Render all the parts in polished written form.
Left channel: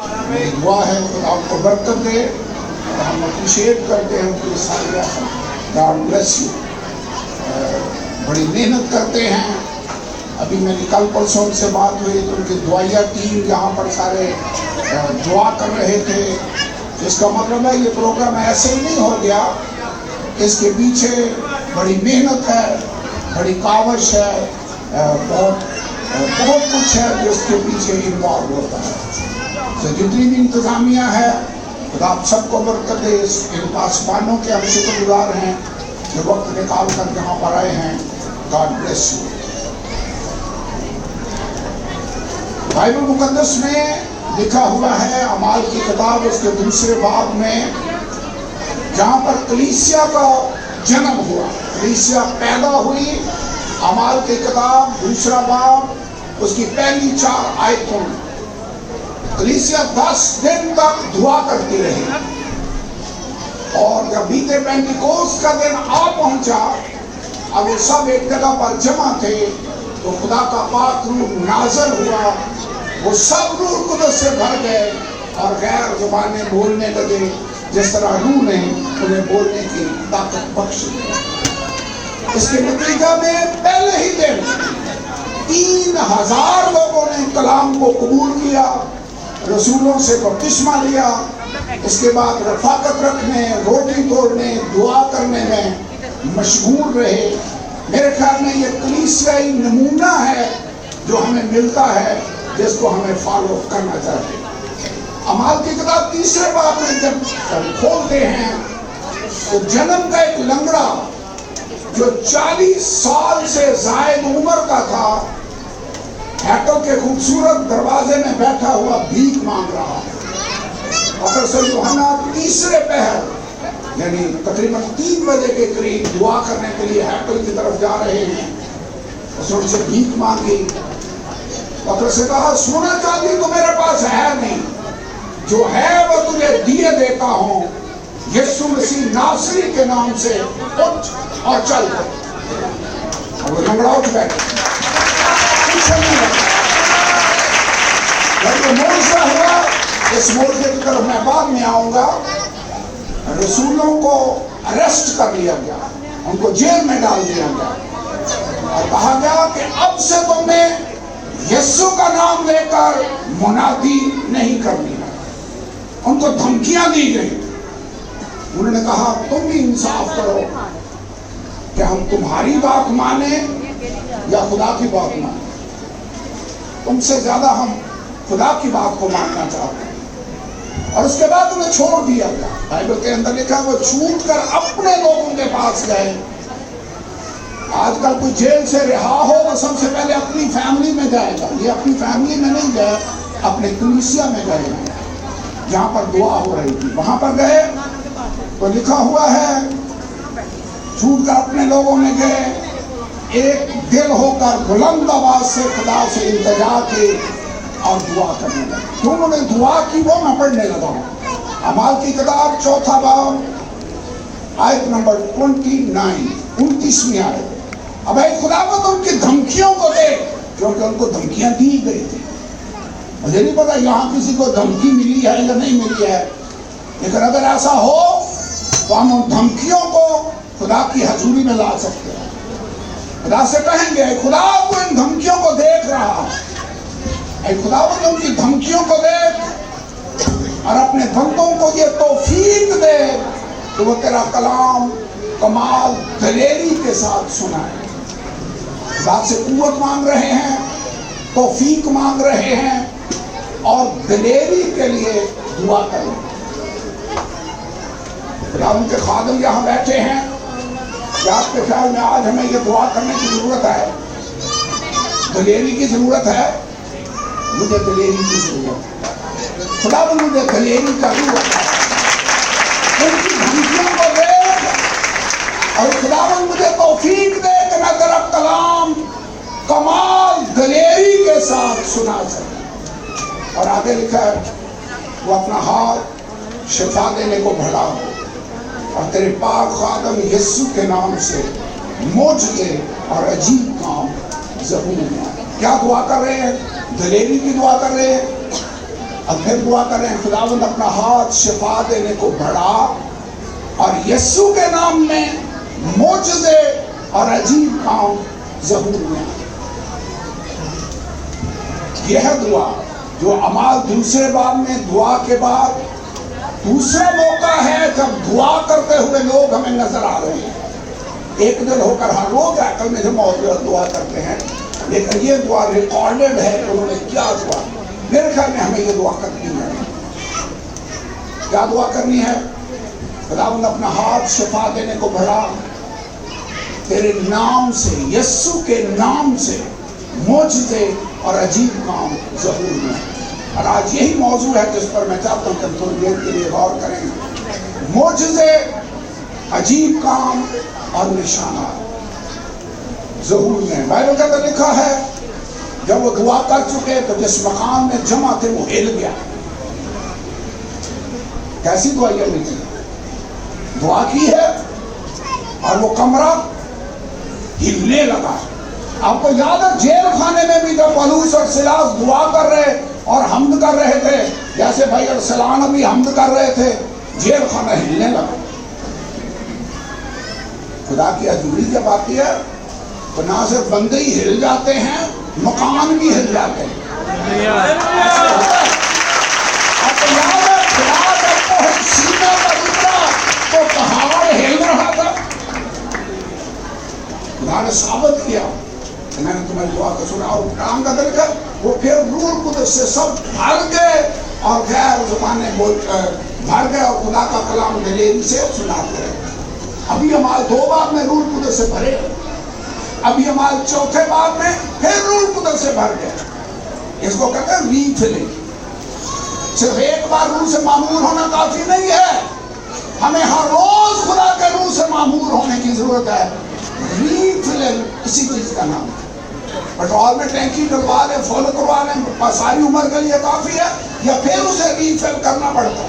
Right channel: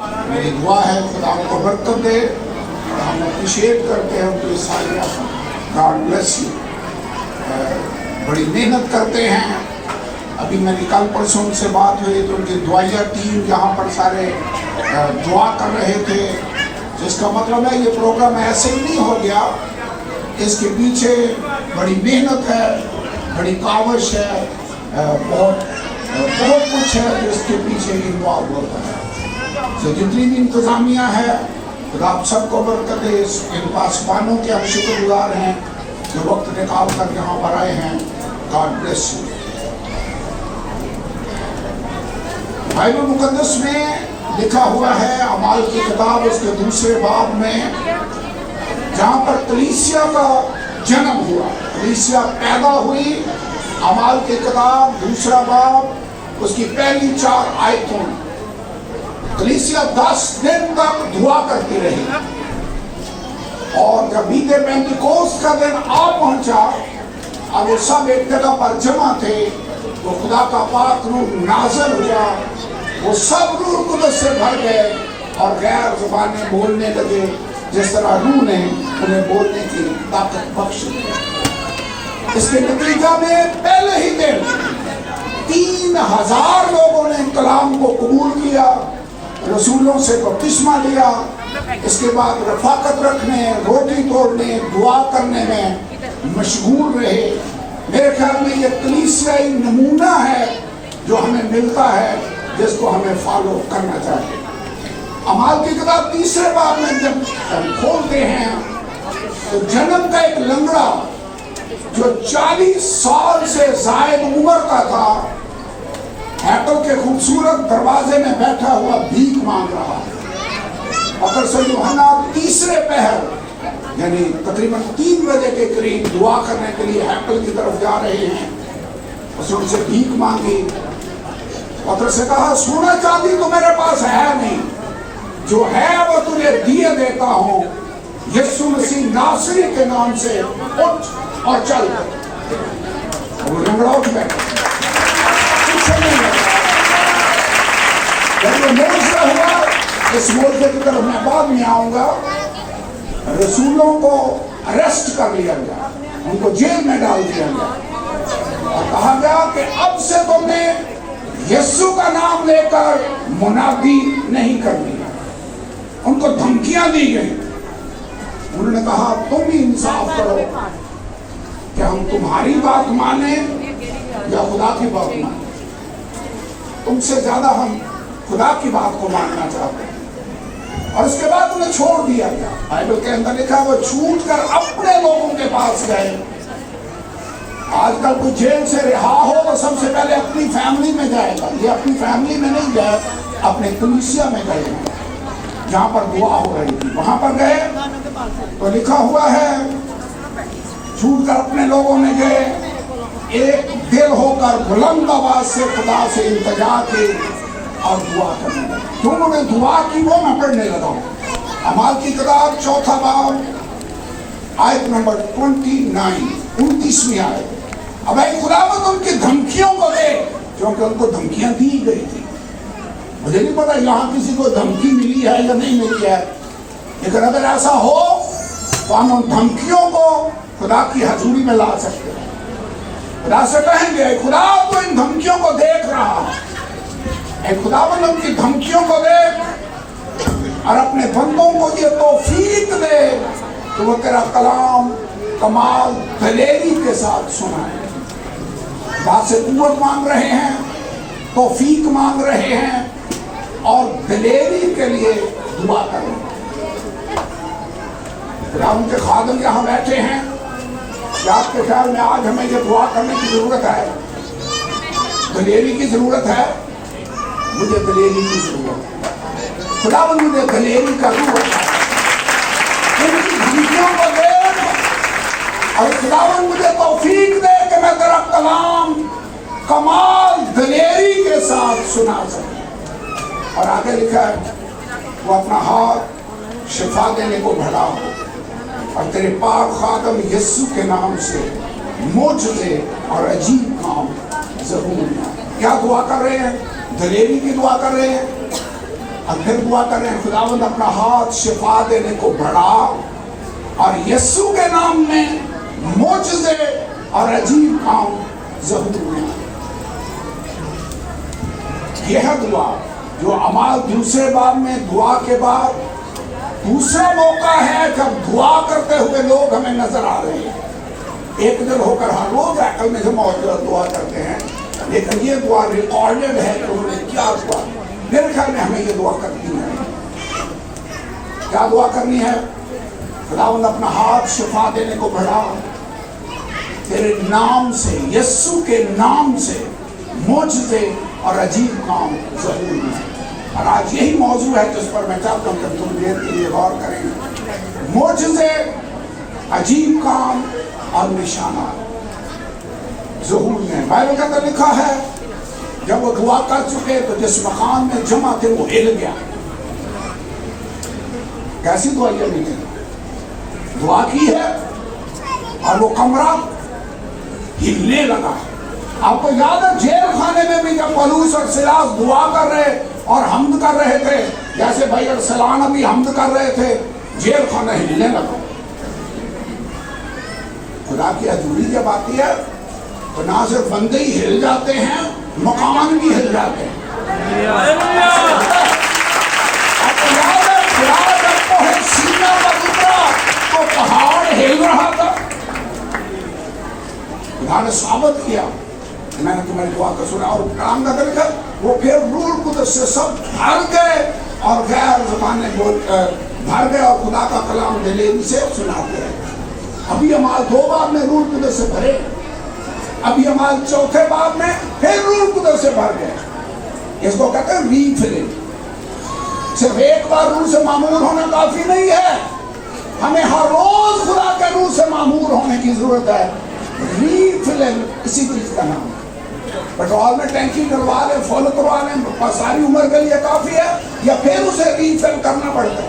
میری دعا ہے خدا ہم کو برکت دے، ہم اپریشیٹ کرتے ہیں تو سارے گاڈ بلیس یو. بڑی محنت کرتے ہیں. ابھی میری کل پرسوں ان سے بات ہوئی تو ان کی دعائیہ ٹیم یہاں پر سارے دعا کر رہے تھے، جس کا مطلب ہے یہ پروگرام ایسے ہی نہیں ہو گیا. اس کے پیچھے بڑی محنت ہے، بڑی کاوش ہے، بہت کچھ ہے جس کے پیچھے انوالو ہوتا ہے. تو جتنی بھی انتظامیہ ہے خدا آپ سب کو برکت دے. ان پاسبانوں کے ہم شکر گزار ہیں جو وقت نکال کر یہاں پر آئے ہیں. God bless you. بائبل مقدس میں لکھا ہوا ہے اعمال کی کتاب اس کے 2 باب میں، جہاں پر کلیسیا کا جنم ہوا، کلیسیا پیدا ہوئی. اعمال کی کتاب 2 باب اس کی پہلی 4 آیتوں میں کلیسیا 10 دن تک دعا کرتی رہی، اور جب عید پینتیکوست کا دن آ پہنچا، اب وہ سب ایک جگہ پر جمع تھے تو خدا کا پاک روح نازل ہوا. وہ سب روح قدس سے بھر گئے اور غیر زبانیں بولنے لگے، جس طرح روح نے انہیں بولنے کی طاقت بخش دی. اس کے نتیجہ میں پہلے ہی دن 3000 لوگوں نے کلام کو قبول کیا، رسولوں سے بپتسمہ لیا. اس کے بعد رفاقت رکھنے، روٹی توڑنے، دعا کرنے میں مشغول رہے. میرے خیال میں یہ کلیسیائی نمونہ ہے جو ہمیں ملتا ہے، جس کو ہمیں فالو کرنا چاہیے. اعمال کی کتاب 3 باب میں جب ہم کھولتے ہیں تو جنم کا ایک لنگڑا جو 40 سال سے زائد عمر کا تھا، ہیکل کے خوبصورت دروازے میں بیٹھا ہوا بھیک مانگ رہا. اور رسول یوحنا 3 پہر یعنی تقریباً 3 بجے کے قریب دعا کرنے کے لیے ہیکل کی طرف جا رہے ہیں. رسول سے بھیک مانگی اور سے کہا سونا چاندی تو میرے پاس ہے نہیں، جو ہے وہ تجھے دیے دیتا ہوں. یسوع مسیح ناصری کے نام سے اٹھ اور چل. اور وہ لنگڑا اٹھ بیٹھا، کچھ نہیں لگا. جب یہ معجزہ ہوا، اس معجزے کی طرف میں بعد میں آؤں گا، رسولوں کو اریسٹ کر لیا گیا، ان کو جیل میں ڈال دیا گیا اور کہا گیا کہ اب سے تم نے یسوع کا نام لے کر منادی نہیں کرنی. ان کو دھمکیاں دی گئی. انہوں نے کہا تم بھی انصاف کرو کہ ہم تمہاری بات مانیں یا خدا کی بات مانیں. تم سے زیادہ ہم خدا کی بات کو ماننا چاہتے ہیں. اور اس کے بعد انہیں چھوڑ دیا گیا. بائبل کے اندر لکھا وہ چھوٹ کر اپنے لوگوں کے پاس گئے. آج کل کوئی جیل سے رہا ہو تو سب سے پہلے اپنی فیملی میں جائے گا. یہ اپنی فیملی میں نہیں گئے، اپنے کلیسیا میں گئے جہاں پر دعا ہو رہی تھی. وہاں پر گئے تو لکھا ہوا ہے چھوٹ کر اپنے لوگوں میں گئے، ایک دل ہو کر بلند آواز سے خدا سے التجا کی اور دعا کرنے لگے. جو انہوں نے دعا کی وہ میں پڑھنے لگا ہوں. اعمال کی کتاب 4 باب آیت نمبر 29 آیت. اب اے خداوند ان کی دھمکیوں کو دے، کیونکہ ان کو دھمکیاں دی گئی تھی. مجھے نہیں پتا یہاں کسی کو دھمکی ملی ہے یا نہیں ملی ہے، لیکن اگر ایسا ہو تو ہم ان دھمکیوں کو خدا کی حضوری میں لا سکتے ہیں. خدا سے کہیں گے خدا تو ان دھمکیوں کو دیکھ رہا، اے خداوند ان کی دھمکیوں کو دیکھ اور اپنے بندوں کو یہ توفیق دے کہ وہ تیرا کلام کمال دلیری کے ساتھ سنائے. بات سے قوت مانگ رہے ہیں، توفیق مانگ رہے ہیں اور دلیری کے لیے دعا کر رہے ہیں. خداوند کے خادم یہاں بیٹھے ہیں. کیا آپ کے خیال میں آج ہمیں یہ دعا کرنے کی ضرورت ہے؟ دلیری کی ضرورت ہے. مجھے دلیری کی ضرورت ہے. خداوند مجھے دلیری کا ضرورت ہے. ان کی دھمکیوں کو دے اور خداوند مجھے توفیق دے کہ میں تیرا کلام کمال دلیری کے ساتھ سنا سکوں. اور آگے لکھا ہے وہ اپنا ہاتھ شفا دینے کو بڑھا ہو اور تیرے پاک خادم یسوع کے نام سے معجزے اور عجیب کام ظہور. کیا دعا کر رہے ہیں؟ دلیری کی دعا کر رہے ہیں. अब फिर दुआ करें, खुदावंद अपना हाथ शिफा देने को बढ़ा और यीशु के नाम में मोजज़े और अजीब काम ज़हूर में। यह दुआ जो अमाल दूसरे बाब में दुआ के बाद दूसरा मौका है जब दुआ करते हुए लोग हमें नजर आ रहे हैं। एक दिन होकर हर रोज अकल में जमा होकर दुआ करते हैं, लेकिन ये दुआ रिकॉर्डेड है कि उन्होंने क्या दुआ। मेरे ख्याल में हमें ये दुआ करनी है। क्या दुआ करनी है? खुदावंद अपना हाथ शिफा देने को बढ़ा, तेरे नाम से, यीशु के नाम से मोजज़े और अजीब काम ज़हूर में। और आज यही मौजू है जिस पर मैं चाहता हूँ कि तुम देर के लिए गौर करेंगे। मोजज़े, अजीब काम और निशाना ज़हूर में। बाइबल के अंदर लिखा है जब वो दुआ कर चुके तो जिस मकान में जमा थे वो हिल गया। कैसी दुआ ये थी? दुआ की है और वो कमरा हिलने लगा। आपको याद है जेल खाने में भी जब पौलुस और सिलास दुआ कर रहे और हम्द कर रहे थे, जैसे भाई अरसलान भी हम्द कर रहे थे, जेल खाना हिलने लगा। खुदा की हजूरी जब आती है तो ना सिर्फ बंदे ही हिल जाते हैं, मकान भी हिल जाते हैं। तो पहाड़ हिल रहा था। खुदा ने साबित किया कि मैंने तुम्हारी दुआ को सुना। और काम का दर्द है वो फिर रूह कुदस से सब भर गए और गैर ज़ुबानें भर गए और खुदा का कलाम दलेरी से सुनाते रहे। अभी अमाल 2 बार में रूह कुदस से भरे, अभी अमाल 4थे बार में फिर रूह कुदस से भर गए। इसको कहते हैं रीफिलिंग। सिर्फ एक बार रूह से मामूर होना काफी नहीं है, हमें हर रोज खुदा के रूह से मामूर होने की जरूरत है। रीफिलिंग इसी चीज का नाम है। पेट्रोल में टैंकी डलवा ले, फुल करवा ले, सारी उम्र के लिए काफी है, या फिर उसे रीफिल करना पड़ता है।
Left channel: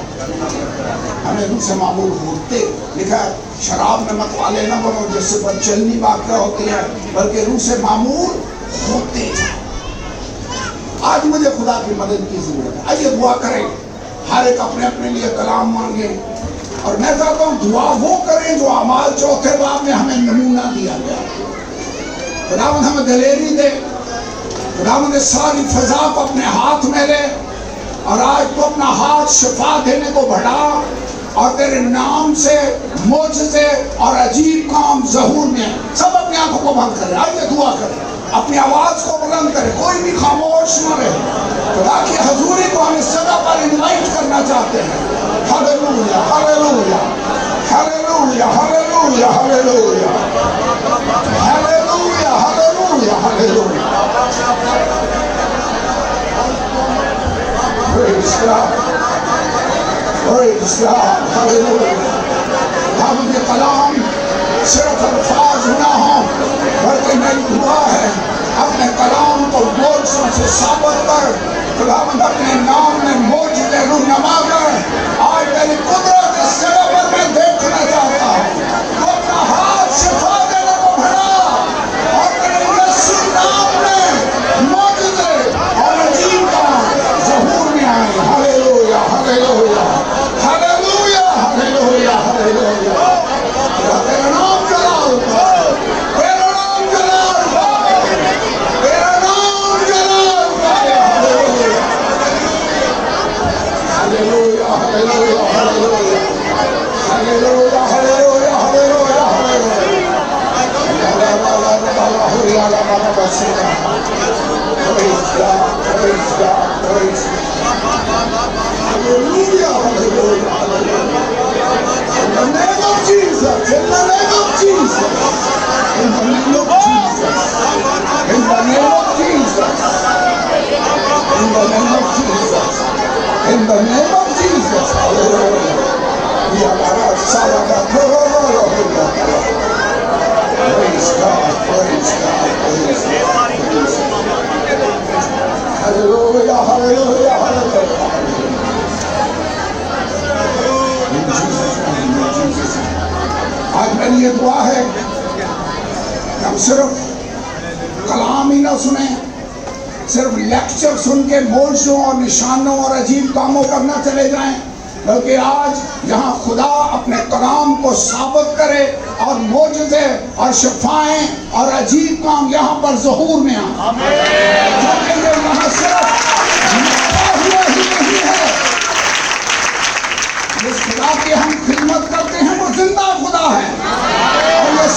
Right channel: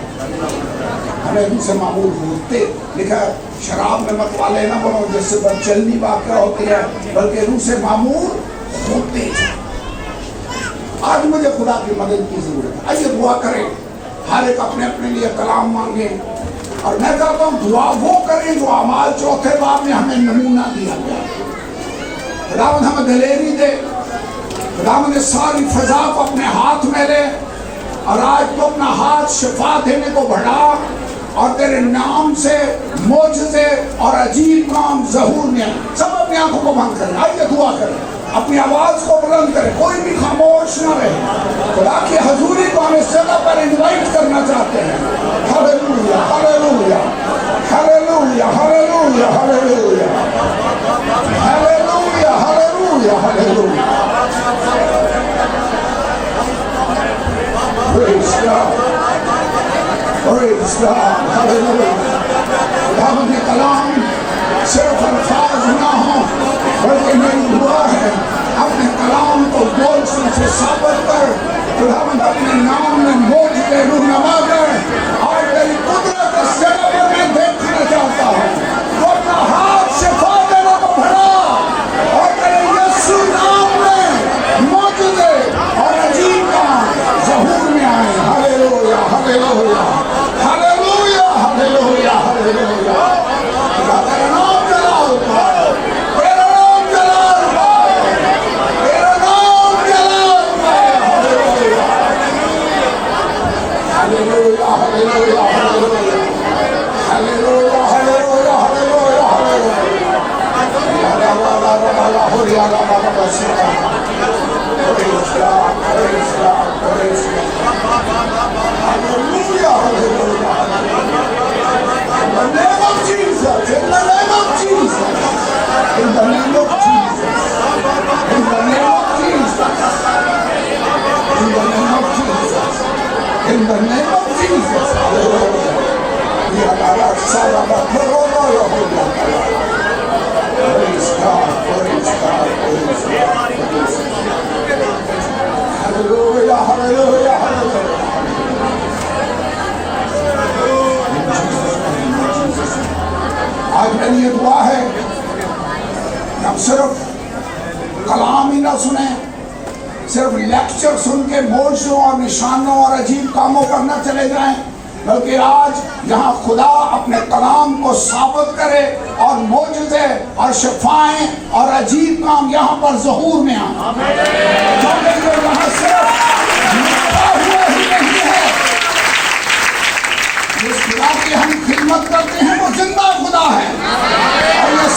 हमें रूह से मामूर होते लिखा, शराब में मत वाले ना बनो जिससे बदचलनी वाक़या होती है, बल्कि रूह से मामूर होते हैं। आज मुझे खुदा की मदद की जरूरत है। आइए दुआ करें, हर एक अपने अपने लिए कलाम मांगे। और मैं कहता हूँ दुआ वो करें जो अमाल 4थे बाब में हमें नमूना दिया गया। खुदावंद हमें दिलेरी दे, खुदावंद ने सारी फजा को अपने हाथ में ले और आज तो अपना हाथ शिफा देने को बढ़ा और तेरे नाम से मोजज़े और अजीब काम ज़हूर में। सब अपनी आंखों को बंद करें, आइए दुआ करें, अपनी आवाज को बुलंद करें, कोई भी खामोश न रहे। खुदा की हजूरी को हम इस जगह पर इनवाइट करना चाहते हैं। Hallelujah, hallelujah, hallelujah, hallelujah, hallelujah, hallelujah, hallelujah, hallelujah. Praise God, praise God, hallelujah. हम ये कलाम सिर्फ अल्फाज ना हो बल्कि मेरी दुआ है अपने कलाम को बोल से साबित कर। खुदावंद अपने नाम में मोजज़े रूहनुमा कर। आज तेरी कुदरत इस जगह पर मैं देखना चाहता हूँ। तो अपना हाथ शिफा देने को बढ़ा और तेरे यीशु नाम में मोजज़े और अजीब काम ज़हूर में आए। Hallelujah, hallelujah, hallelujah, hallelujah, hallelujah. तेरा नाम जलाल, तेरा नाम जलाल, तेरा नाम जलाल। Hallelujah, hallelujah, hallelujah, hallelujah, hallelujah, hallelujah, hallelujah, hallelujah. Praise God, praise God, praise God. Hallelujah, hallelujah. In the name of Jesus, in the name of Jesus, in the name of Jesus, in the name of Jesus, in the name of Jesus, in the name of Jesus. Hallelujah. Praise God, praise God, praise God, praise God. Hallelujah, hallelujah, hallelujah. आज मेरी ये दुआ है हम सिर्फ कलाम ही ना सुने, सिर्फ लेक्चर सुन के मोल मोजों और निशानों और अजीब कामों करना चले जाएं, बल्कि आज यहाँ खुदा अपने कलाम को साबित करे और मोजज़े और शफाएं और अजीब काम यहाँ पर ज़हूर में आए। यहाँ सिर्फ लिखा हुआ ही नहीं है, जिस खुदा की हम खिदमत करते हैं वो जिंदा खुदा है, और ये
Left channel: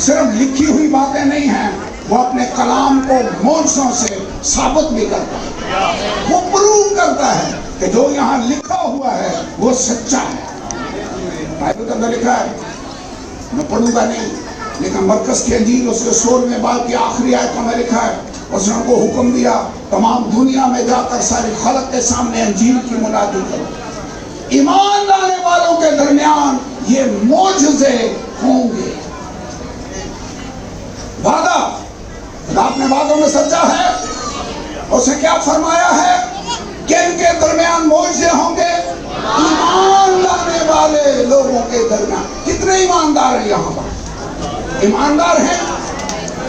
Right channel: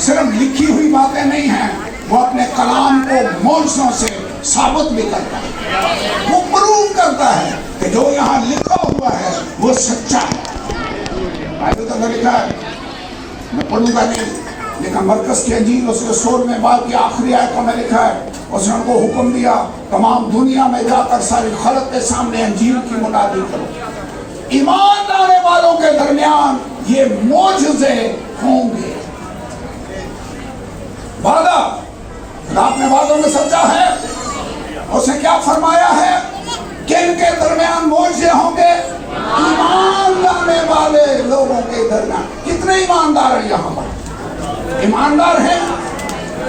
सिर्फ लिखी हुई बातें नहीं हैं, वो अपने कलाम को मोजों से साबित भी करता है, वो प्रूव करता है कि जो यहाँ लिखा हुआ है वो सच्चा है। अभी तक लिखा है, मैं पढ़ूंगा नहीं, लेकिन मरकज़ की अंजील उसके 16वें बाब की आखिरी आयतों में लिखा है, उसने उनको हुक्म दिया तमाम दुनिया में जाकर सारी खलक के सामने अंजील की मुनादी करो। ईमान लाने वालों के दरमियान ये मोजज़े होंगे। वादा आपने वादों में सच्चा है, उसने क्या फरमाया है कि इनके दरमियान मोजज़े होंगे, ईमान लाने वाले लोगों के दरमियान। कितने ईमानदार हैं यहाँ पर? ईमानदार हैं,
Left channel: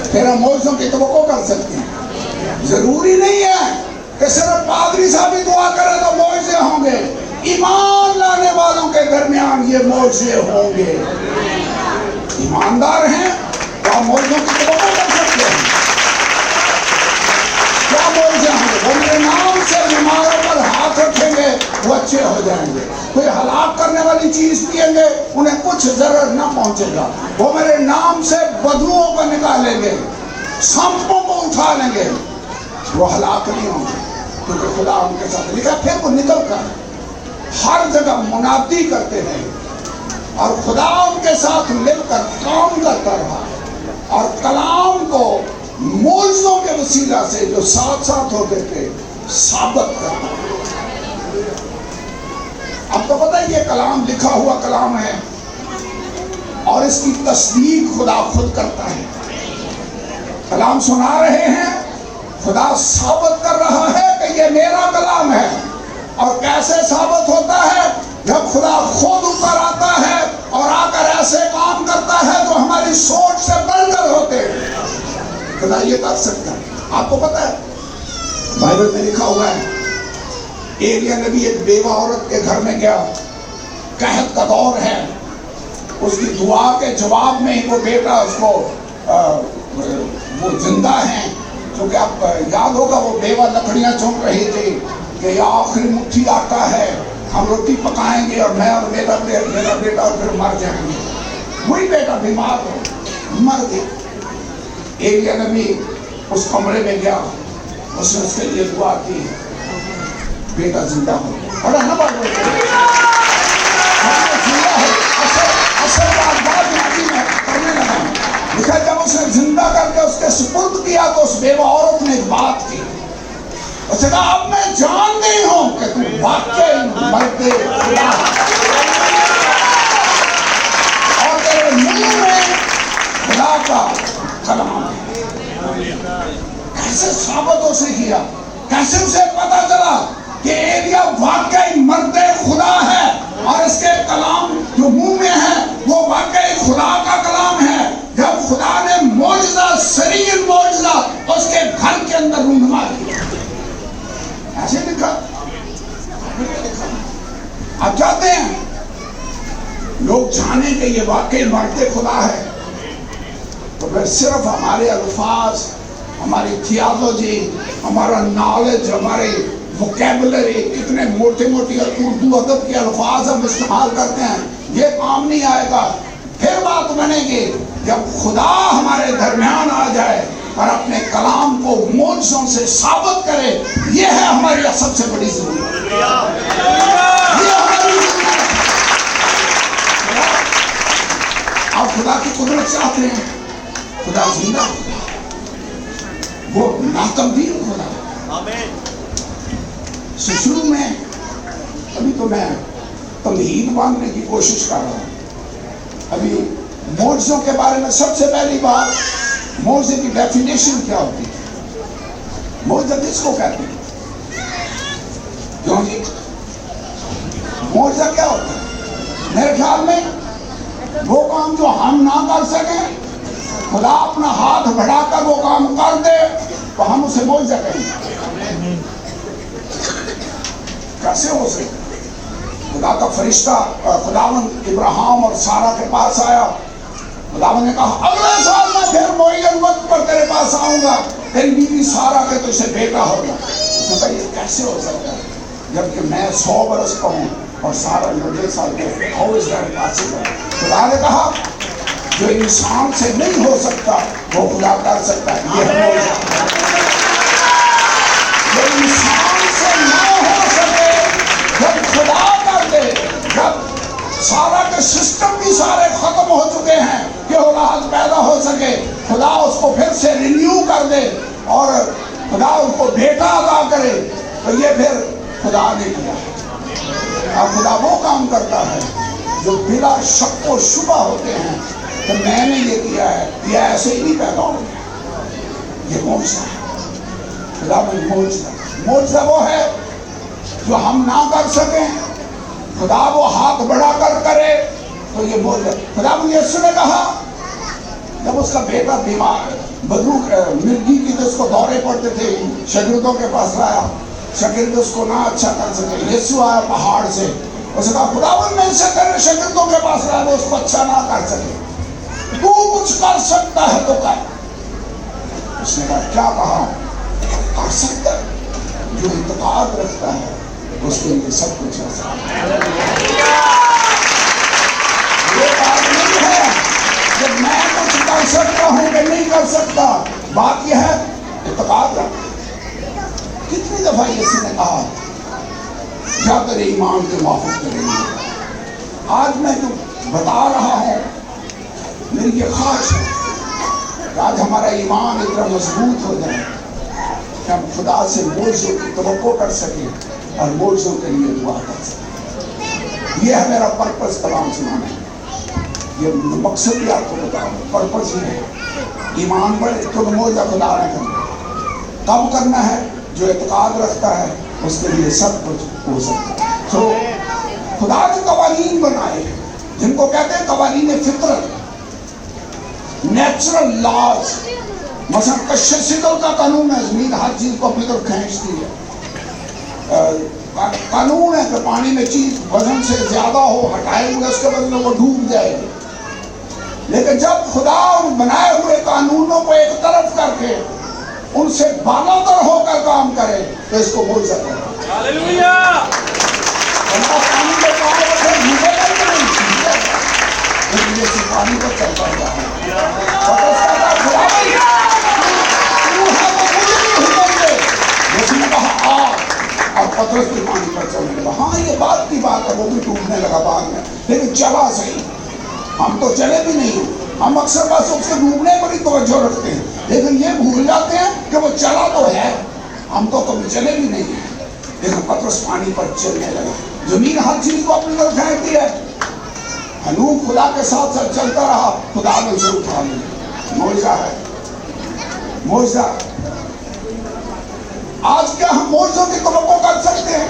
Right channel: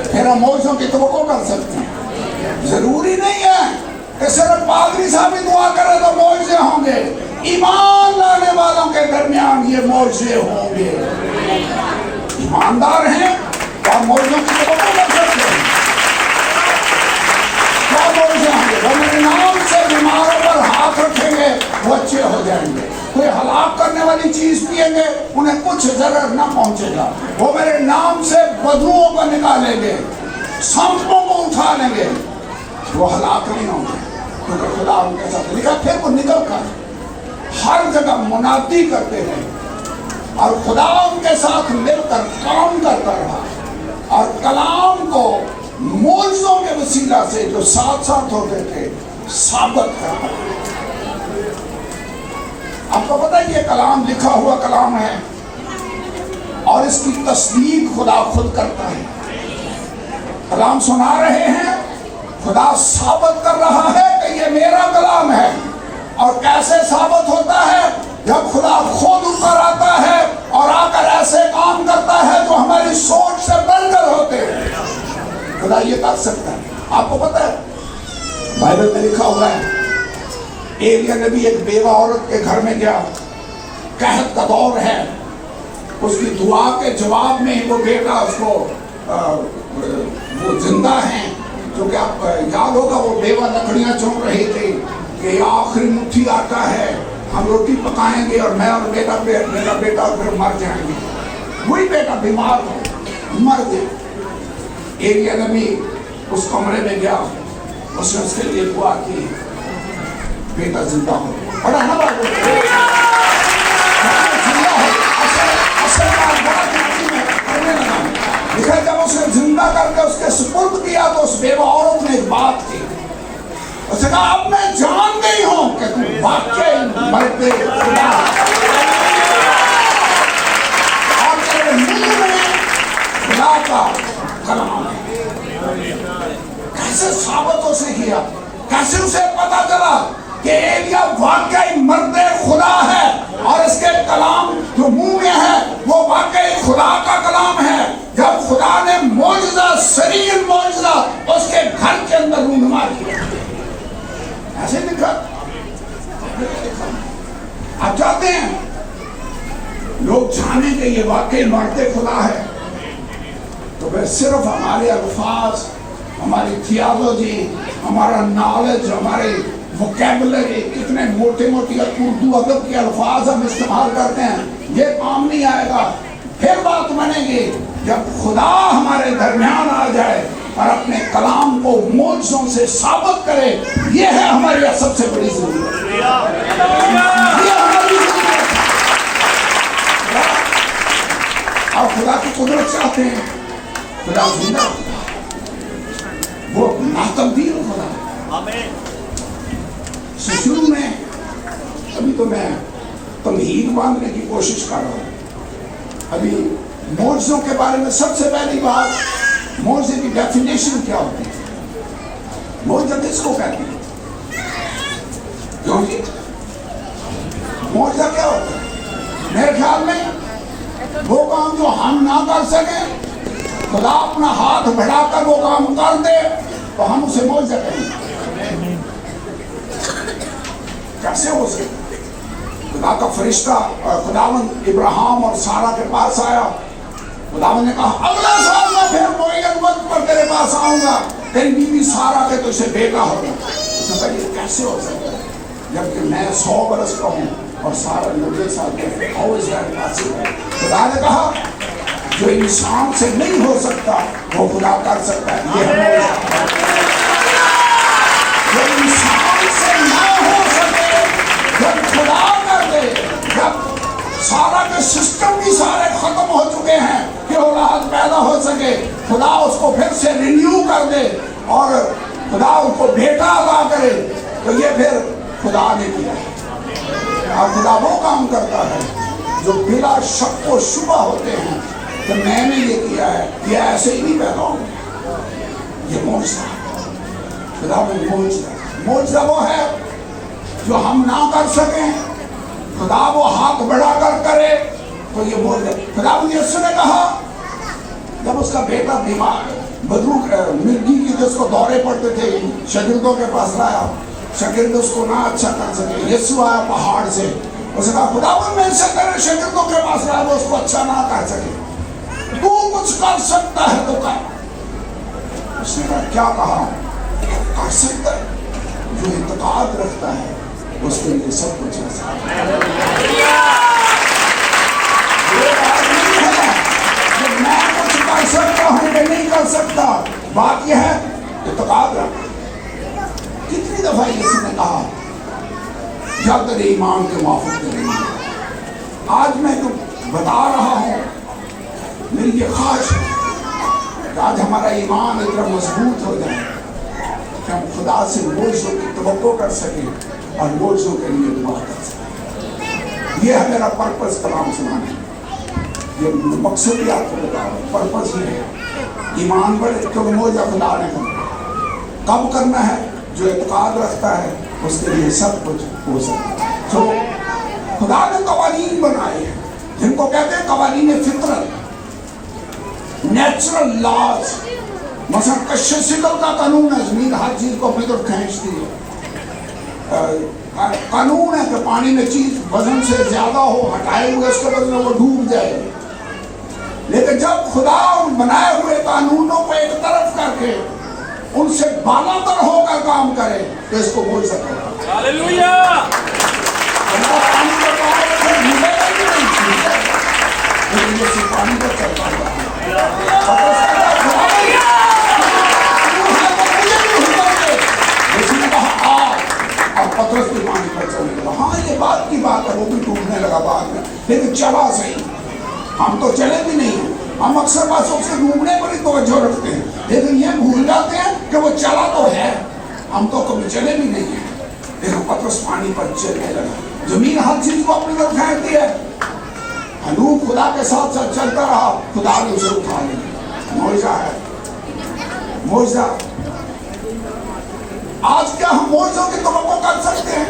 फिर हम मोजज़ों की तवक्को कर सकते हैं। जरूरी नहीं है कि सिर्फ पादरी साहब ही दुआ करे तो मोजज़े होंगे, ईमान लाने वालों के दरमियान ये मोजज़े होंगे। ईमानदार हैं तो हम मोजज़ों की तवक्को कर सकते हैं। क्या मोजज़े होंगे? वो मेरे नाम से बीमारों पर हाथ रखेंगे वो अच्छे हो जाएंगे, कोई हलाक करने वाली चीज पिएंगे उन्हें कुछ जरर ना पहुंचेगा, वो मेरे नाम से बदबुओं को निकालेंगे, सांपों को उठा लेंगे, वो हलाक नहीं होंगे, क्योंकि खुदा उनके साथ लिखा। फिर वो निकल कर हर जगह मुनादी करते थे और खुदा उनके साथ मिलकर काम करता रहा और कलाम को मोजों के वसीला से जो साथ साथ होते थे साबित करता। आपको पता है ये कलाम लिखा हुआ कलाम है और इसकी तस्दीक खुदा खुद करता है। कलाम सुना रहे हैं, खुदा साबित कर रहा है कि ये मेरा कलाम है। और कैसे साबित होता है? जब खुदा खुद ऊपर आता है और आकर ऐसे काम करता है जो हमारी सोच से बढ़कर होते हैं। खुदा ये कर सकता है। आपको पता है बाइबल में लिखा हुआ है, एलिया नबी एक बेवा औरत के घर में गया, कहत का दौर है, उसकी दुआ के जवाब में ही वो बेटा उसको वो जिंदा है, क्योंकि आप याद होगा वो बेवा लकड़ियां चुन रही थी कि आखिरी मुट्ठी आटा है, हम रोटी पकाएंगे और मैं और मेरा बेटा फिर मर जाएंगे। वही बेटा बीमार हो मर गया। एलिया नबी उस कमरे में गया, उसने उसके लिए दुआ की, बेटा जिंदा हो। लिखा जब उसने जिंदा करके उसके सुपुर्द किया तो उस बेवा औरत ने एक बात की, उसने कहा अब मैं जानती हूँ कि तुम वाकई मरते और तेरे मुंह में खुदा का कलाम है। कैसे साबित उसने किया? कैसे उसे पता चला कि एलिया वाकई मरते खुदा है और इसके कलाम जो मुंह में है वो वाकई खुदा का कलाम है? जब खुदा ने मौजज़ा सरीर मौजज़ा उसके घर के अंदर रूनुमा किया। ऐसे लिखा। आप चाहते हैं लोग जाने कि ये वाकई मरते खुदा है, तो फिर सिर्फ हमारे अल्फाज, हमारी थियोलॉजी, हमारा नॉलेज, हमारे वोकैबुलरी, कितने मोटे मोटे उर्दू अदब के अल्फाज हम इस्तेमाल करते हैं, ये काम नहीं आएगा। फिर बात बनेगी जब खुदा हमारे दरमियान आ जाए और अपने कलाम को मोजों से साबित करे। ये है हमारी सबसे बड़ी जरूरत। आप खुदा की कुदरत चाहते हैं, खुदा जिंदा, वो नातब्दील खुदा है। शुरू में अभी तो मैं तमहीद बांधने की कोशिश कर रहा हूँ। अभी मोजों के बारे में सबसे पहली बात, मोजे की डेफिनेशन क्या होती है? मोजा किसको कहते हैं? क्योंकि मोजा क्या होता है? मेरे ख्याल में वो काम जो हम ना कर सके, खुदा अपना हाथ बढ़ाकर वो काम कर दे तो हम उसे मोजा कहेंगे। कैसे हो सकता है? खुदा का फरिश्ता खुदावन इब्राहिम और सारा के पास आया। खुदावन ने कहा अगले साल मैं फिर मुअय्यन वक्त पर तेरे पास आऊंगा, तेरी बीवी सारा के तुझे बेटा होगा। उसने कहा ये कैसे हो सकता है जबकि मैं 100 बरस का हूँ और सारा 90 साल का है? How is that possible? खुदा ने कहा जो इंसान से नहीं हो सकता वो खुदा कर सकता है। ये जो इंसान से ना हो सके जब खुदा कर दे, जब सारा के सिस्टम भी सारे खत्म हो चुके हैं कि औलाद पैदा हो सके, खुदा उसको फिर से रिन्यू कर दे और खुदा उसको बेटा अदा करे, तो ये फिर खुदा ने किया। अब खुदा वो काम करता है जो बिना शक व शुबा होते हैं कि मैंने ये किया है, ये ऐसे ही नहीं पैदा हो गया। ये मौजज़ा है, खुदा में मौजज़ा वो है जो हम ना कर सकें, खुदा वो हाथ बढ़ाकर करे तो ये मौजज़ा। खुदा यीशु ने कहा जब उसका बेटा बीमार मिर्गी की जिसको दौरे पड़ते थे, शागिर्दों के पास लाया, शागिर्द उसको ना अच्छा कर सके, यीशु आया पहाड़ से, उसने कहा खुदावन मैं इससे तेरे शागिर्दों के पास लाया, वो उसको अच्छा ना कर सके, तू कुछ कर सकता है तो कर। उसने कहा क्या कहा? कर सकता है, जो इत्तेकाद रखता है उसके लिए सब कुछ हो सकता है। मैं कुछ कर सकता हूँ कि नहीं कर सकता, बात यह है इत्तेकाद रख। कितनी दफा यीशु ने कहा जा तेरे ईमान के माफिक करेंगे। आज मैं जो बता रहा हूँ मेरी ये ख्वाहिश है कि आज हमारा ईमान इतना मजबूत हो जाए कि हम खुदा से मौजज़ों की तवक्को कर सकें और मौजज़ों के लिए दुआ कर सकें। ये है मेरा पर्पस कलाम सुनाने, ये मकसद भी आपको बताऊँ, पर्पस ही है ईमान बढ़े तो मौजज़ा खुदा ने करना, कम करना है जो इत्तेकाद रखता है उसके लिए सब कुछ हो सकता है। तो खुदा ने कवानीन बनाए जिनको कहते हैं कवानीन फितरत, नेचुरल लॉज। मसलन कशिशल का कानून है, जमीन हर चीज को अपनी तरफ खींचती है। कानून है कि पानी में चीज वजन से ज्यादा हो हटाएंगे उसके बदले वो डूब जाएगी। लेकिन जब खुदा उन बनाए हुए कानूनों को एक तरफ करके उनसे बालातर होकर काम करे तो इसको बोल सकते हैं हालेलुया। हाँ ये बात की बात है, वो भी टूटने लगा बाद में, लेकिन चला सही। हम तो चले भी नहीं, हम अक्सर बात उसके डूबने पर ही तवज्जो रखते हैं, लेकिन ये भूल जाते हैं कि वो चला तो है, हम तो कभी चले भी नहीं है। लेकिन पतरस पानी पर चलने लगा, जमीन हर चीज को अपनी तरफ फेंकती है। हनूक खुदा के साथ साथ चलता रहा, खुदा ने उसे उठा लिया। मौजज़ा है, मौजज़ा। आज क्या हम मौजज़ों की तवक्को कर सकते हैं?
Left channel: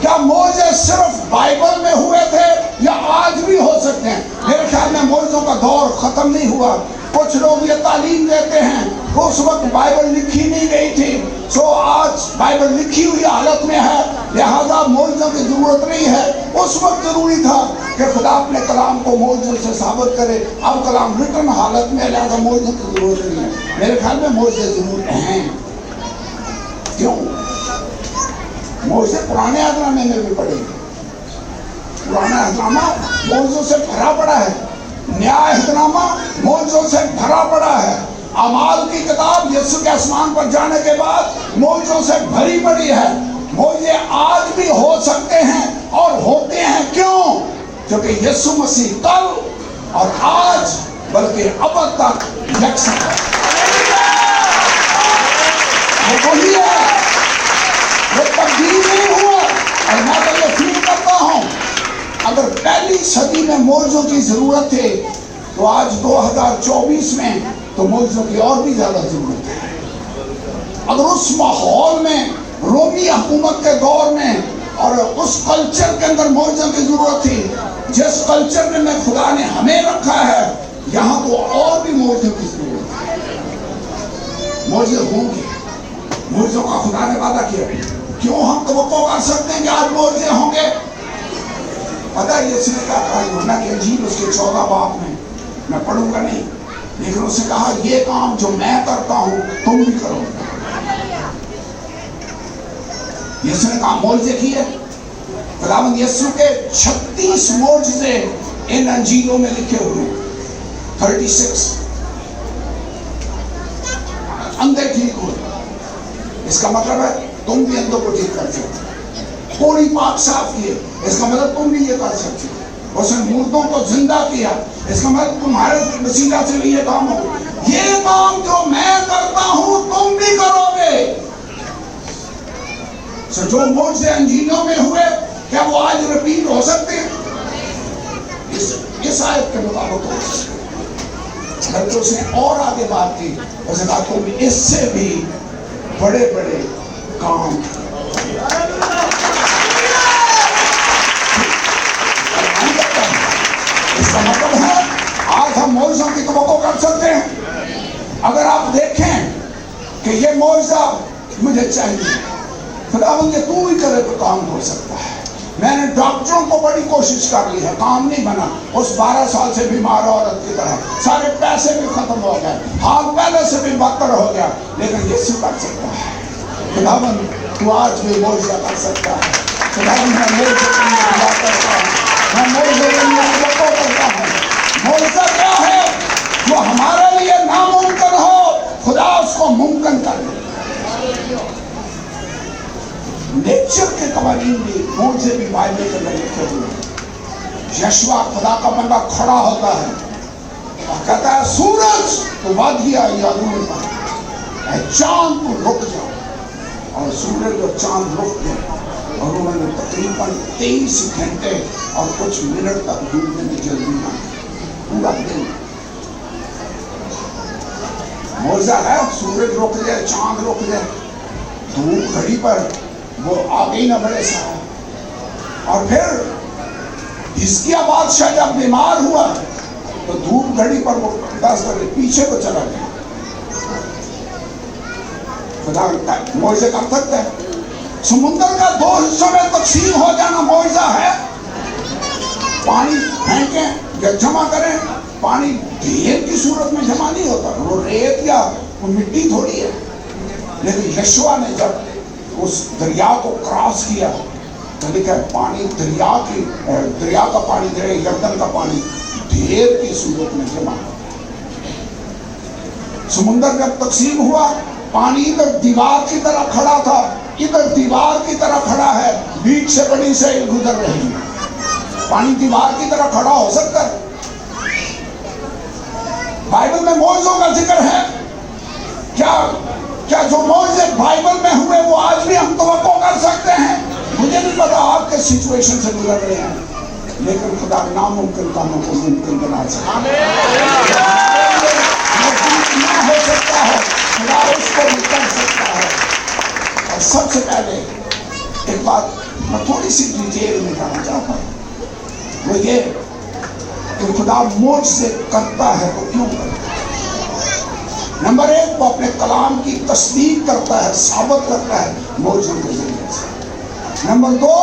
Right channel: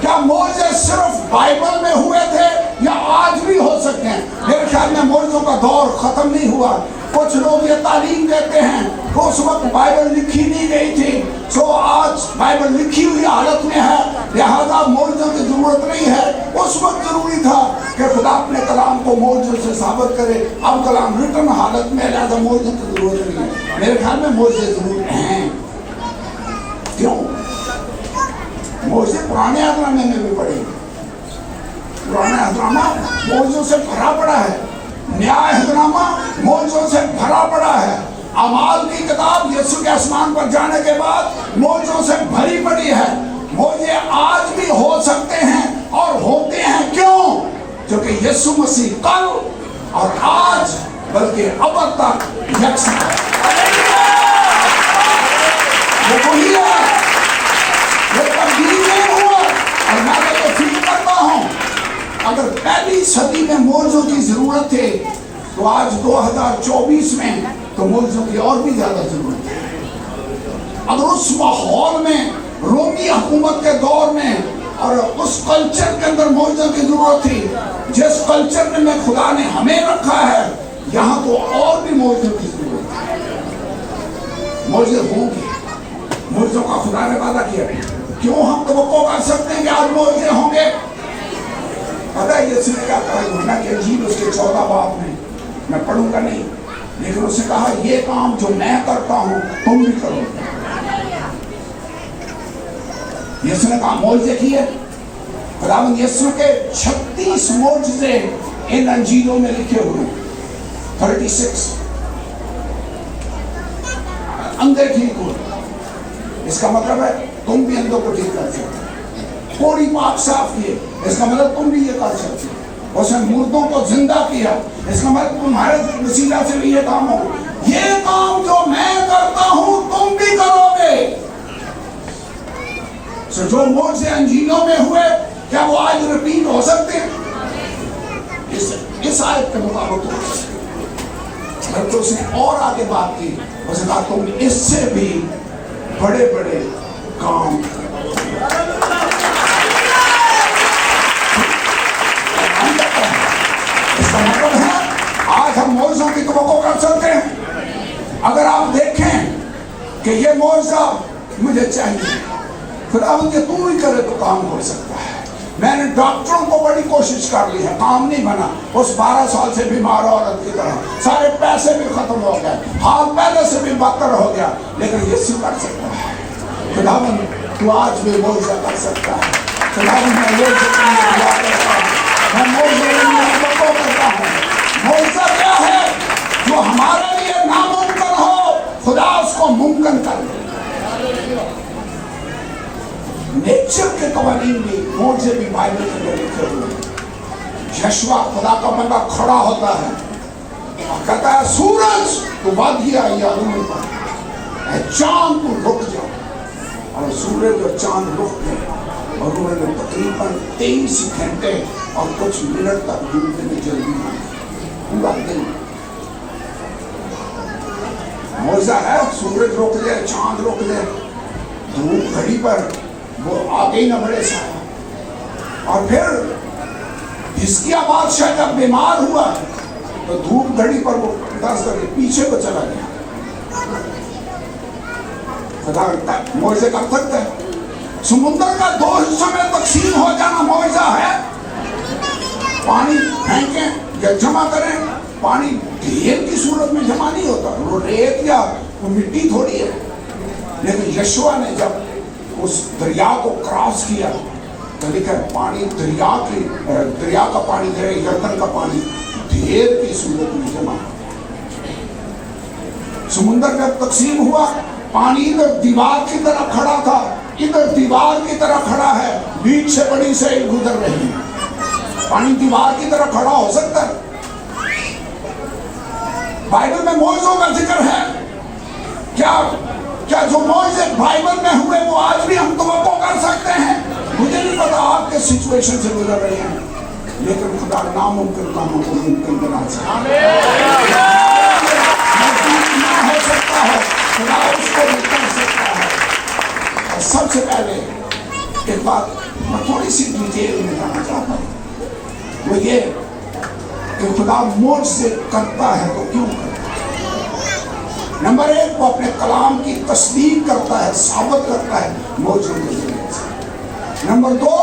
क्या मौजज़े सिर्फ बाइबल में हुए थे या आज भी हो सकते हैं? मेरे ख्याल में मौजज़ों का दौर खत्म नहीं हुआ। कुछ लोग ये तालीम देते हैं उस वक्त बाइबल लिखी नहीं गई थी, तो आज बाइबल लिखी हुई हालत में है, लिहाजा मौजज़ों की जरूरत नहीं है। उस वक्त जरूरी था कि खुदा अपने कलाम को मौजज़ों से साबित करे, अब कलाम रिटन हालत में, लिहाजा मौजज़ों की जरूरत नहीं है। मेरे ख्याल में मौजज़े जरूर हैं। क्यों? मौजज़े पुराने अहदनामे में भी पड़ेंगे, पुराना अहदनामा मौजज़ों से भरा पड़ा है, न्याय अहदनामा मौजज़ों से भरा पड़ा है, अमाल की किताब यीशु के आसमान पर जाने के बाद मौजज़ों से भरी पड़ी है। मौजज़े आज भी हो सकते हैं और होते हैं। क्यों? क्योंकि यीशु मसीह कल और आज बल्कि अब तक यकसा है। वो वही है, वो कभी नहीं हुआ। और मैं तो ये फील करता हूँ अगर पहली सदी में मौजज़ों की जरूरत थी तो आज 2024 में तो मौजज़ों की और भी ज्यादा जरूरत है। अगर उस माहौल में रोमी हुकूमत के दौर में और उस कल्चर के अंदर मौजज़ों की जरूरत थी, जिस कल्चर में खुदा ने हमें रखा है, यहाँ तो और भी मौजज़ों की जरूरत है। मौजज़े होंगे, मौजज़ों का खुदा ने वादा किया। क्यों हम तवक्को कर सकते हैं कि आज मोर्चे होंगे? पता है यीशु ने क्या कहा यूहन्ना की इंजील उसके 14 बाब में, मैं पढ़ूंगा नहीं, लेकिन उसने कहा ये काम जो मैं करता हूं तुम भी करो। यीशु ने कहा मोर्चे किए। खुदावंद यीशु के 36 मोर्चे इन अंजीलों में लिखे हुए, 36 अंधे ठीक हो, इसका मतलब है तुम भी अंधों को ठीक कर सकते हो। कोड़ी पाक साफ किए, इसका मतलब तुम भी ये कर सकते हो। उसने मुर्दों को जिंदा किया, इसका मतलब तुम्हारे वसीला से भी ये काम हो। ये काम जो मैं करता हूं तुम भी करोगे। जो मोर्चे अंजीलों में हुए क्या वो आज रिपीट हो सकते हैं? इस आयत के मुताबिक हो सकते। अगर तो उसने और आगे बात की, उसने कहा तुम इससे भी बड़े बड़े काम। इसका मतलब है आज हम मोर्चों की तवक्को कर सकते हैं। अगर आप देखें कि ये मोर्चा मुझे चाहिए, खुदावंद ये तू ही करे तो काम हो सकता है। मैंने डॉक्टरों को बड़ी कोशिश कर ली है, काम नहीं बना। उस 12 साल से बीमार औरत की तरह सारे पैसे भी खत्म हो गए, हाल पहले से भी बदतर हो गया, लेकिन यीशु कर सकता है। खुदावंद तू आज भी मोर्चा कर सकता है। खुदावंद मैं ये मोर्चा क्या है जो हमारे लिए नामुमकिन हो, खुदा उसको मुमकिन कर दे। नेचर के कवानीन भी मोर्चे भी बाइबल के अंदर लिखे हुए। यशवा खुदा का बंदा खड़ा होता है और कहता है सूरज तू बाधिया या पर, चांद तू रुक जा। और सूरज और चांद रुक गए और उन्होंने तकरीबन 23 घंटे और कुछ मिनट तक डूबने में जल्दी पूरा दिन। मोर्चा है, सूरज रुक जाए, चांद रुक जाए, धूप घड़ी पर वो आगे ही न बढ़े सका। और फिर इसकी बादशाह जब बीमार हुआ तो धूप घड़ी पर वो 10 घंटे पीछे को चला गया। मोर्चे कर सकते हैं। समुद्र का 2 हिस्सों में तकसीम हो जाना मोर्चा है। पानी फेंके या जमा करें, पानी ढेर की सूरत में जमा नहीं होता, वो रेत या वो मिट्टी थोड़ी है। लेकिन यशवा ने जब उस दरिया को क्रॉस किया तो लिखा है पानी दरिया का पानी, यर्दन का पानी ढेर की सूरत में जमा। समुद्र जब तकसीम हुआ, पानी इधर दीवार की तरफ खड़ा था, इधर दीवार की तरफ खड़ा है, बीच से बड़ी से गुजर रही है। पानी दीवार की तरफ खड़ा हो सकता है? बाइबल में मोर्चों का जिक्र है। क्या जो मोर्चे बाइबल में हुए वो आज भी हम तवक्को कर सकते हैं? मुझे नहीं पता आप किस सिचुएशन से गुजर रहे हैं, लेकिन खुदा नामुमकिन कामों को मुमकिन बना सकता है। हो सकता है, खुदा उसको कर सकता है। और सबसे पहले एक बात मैं थोड़ी सी डिटेल में जानना चाहता हूँ, वो ये कि खुदा मोर्चे करता है तो क्यों करता है? नंबर 1, वो अपने कलाम की तस्दीक करता है, साबित करता है मोर्चों के जरिए से। नंबर 2,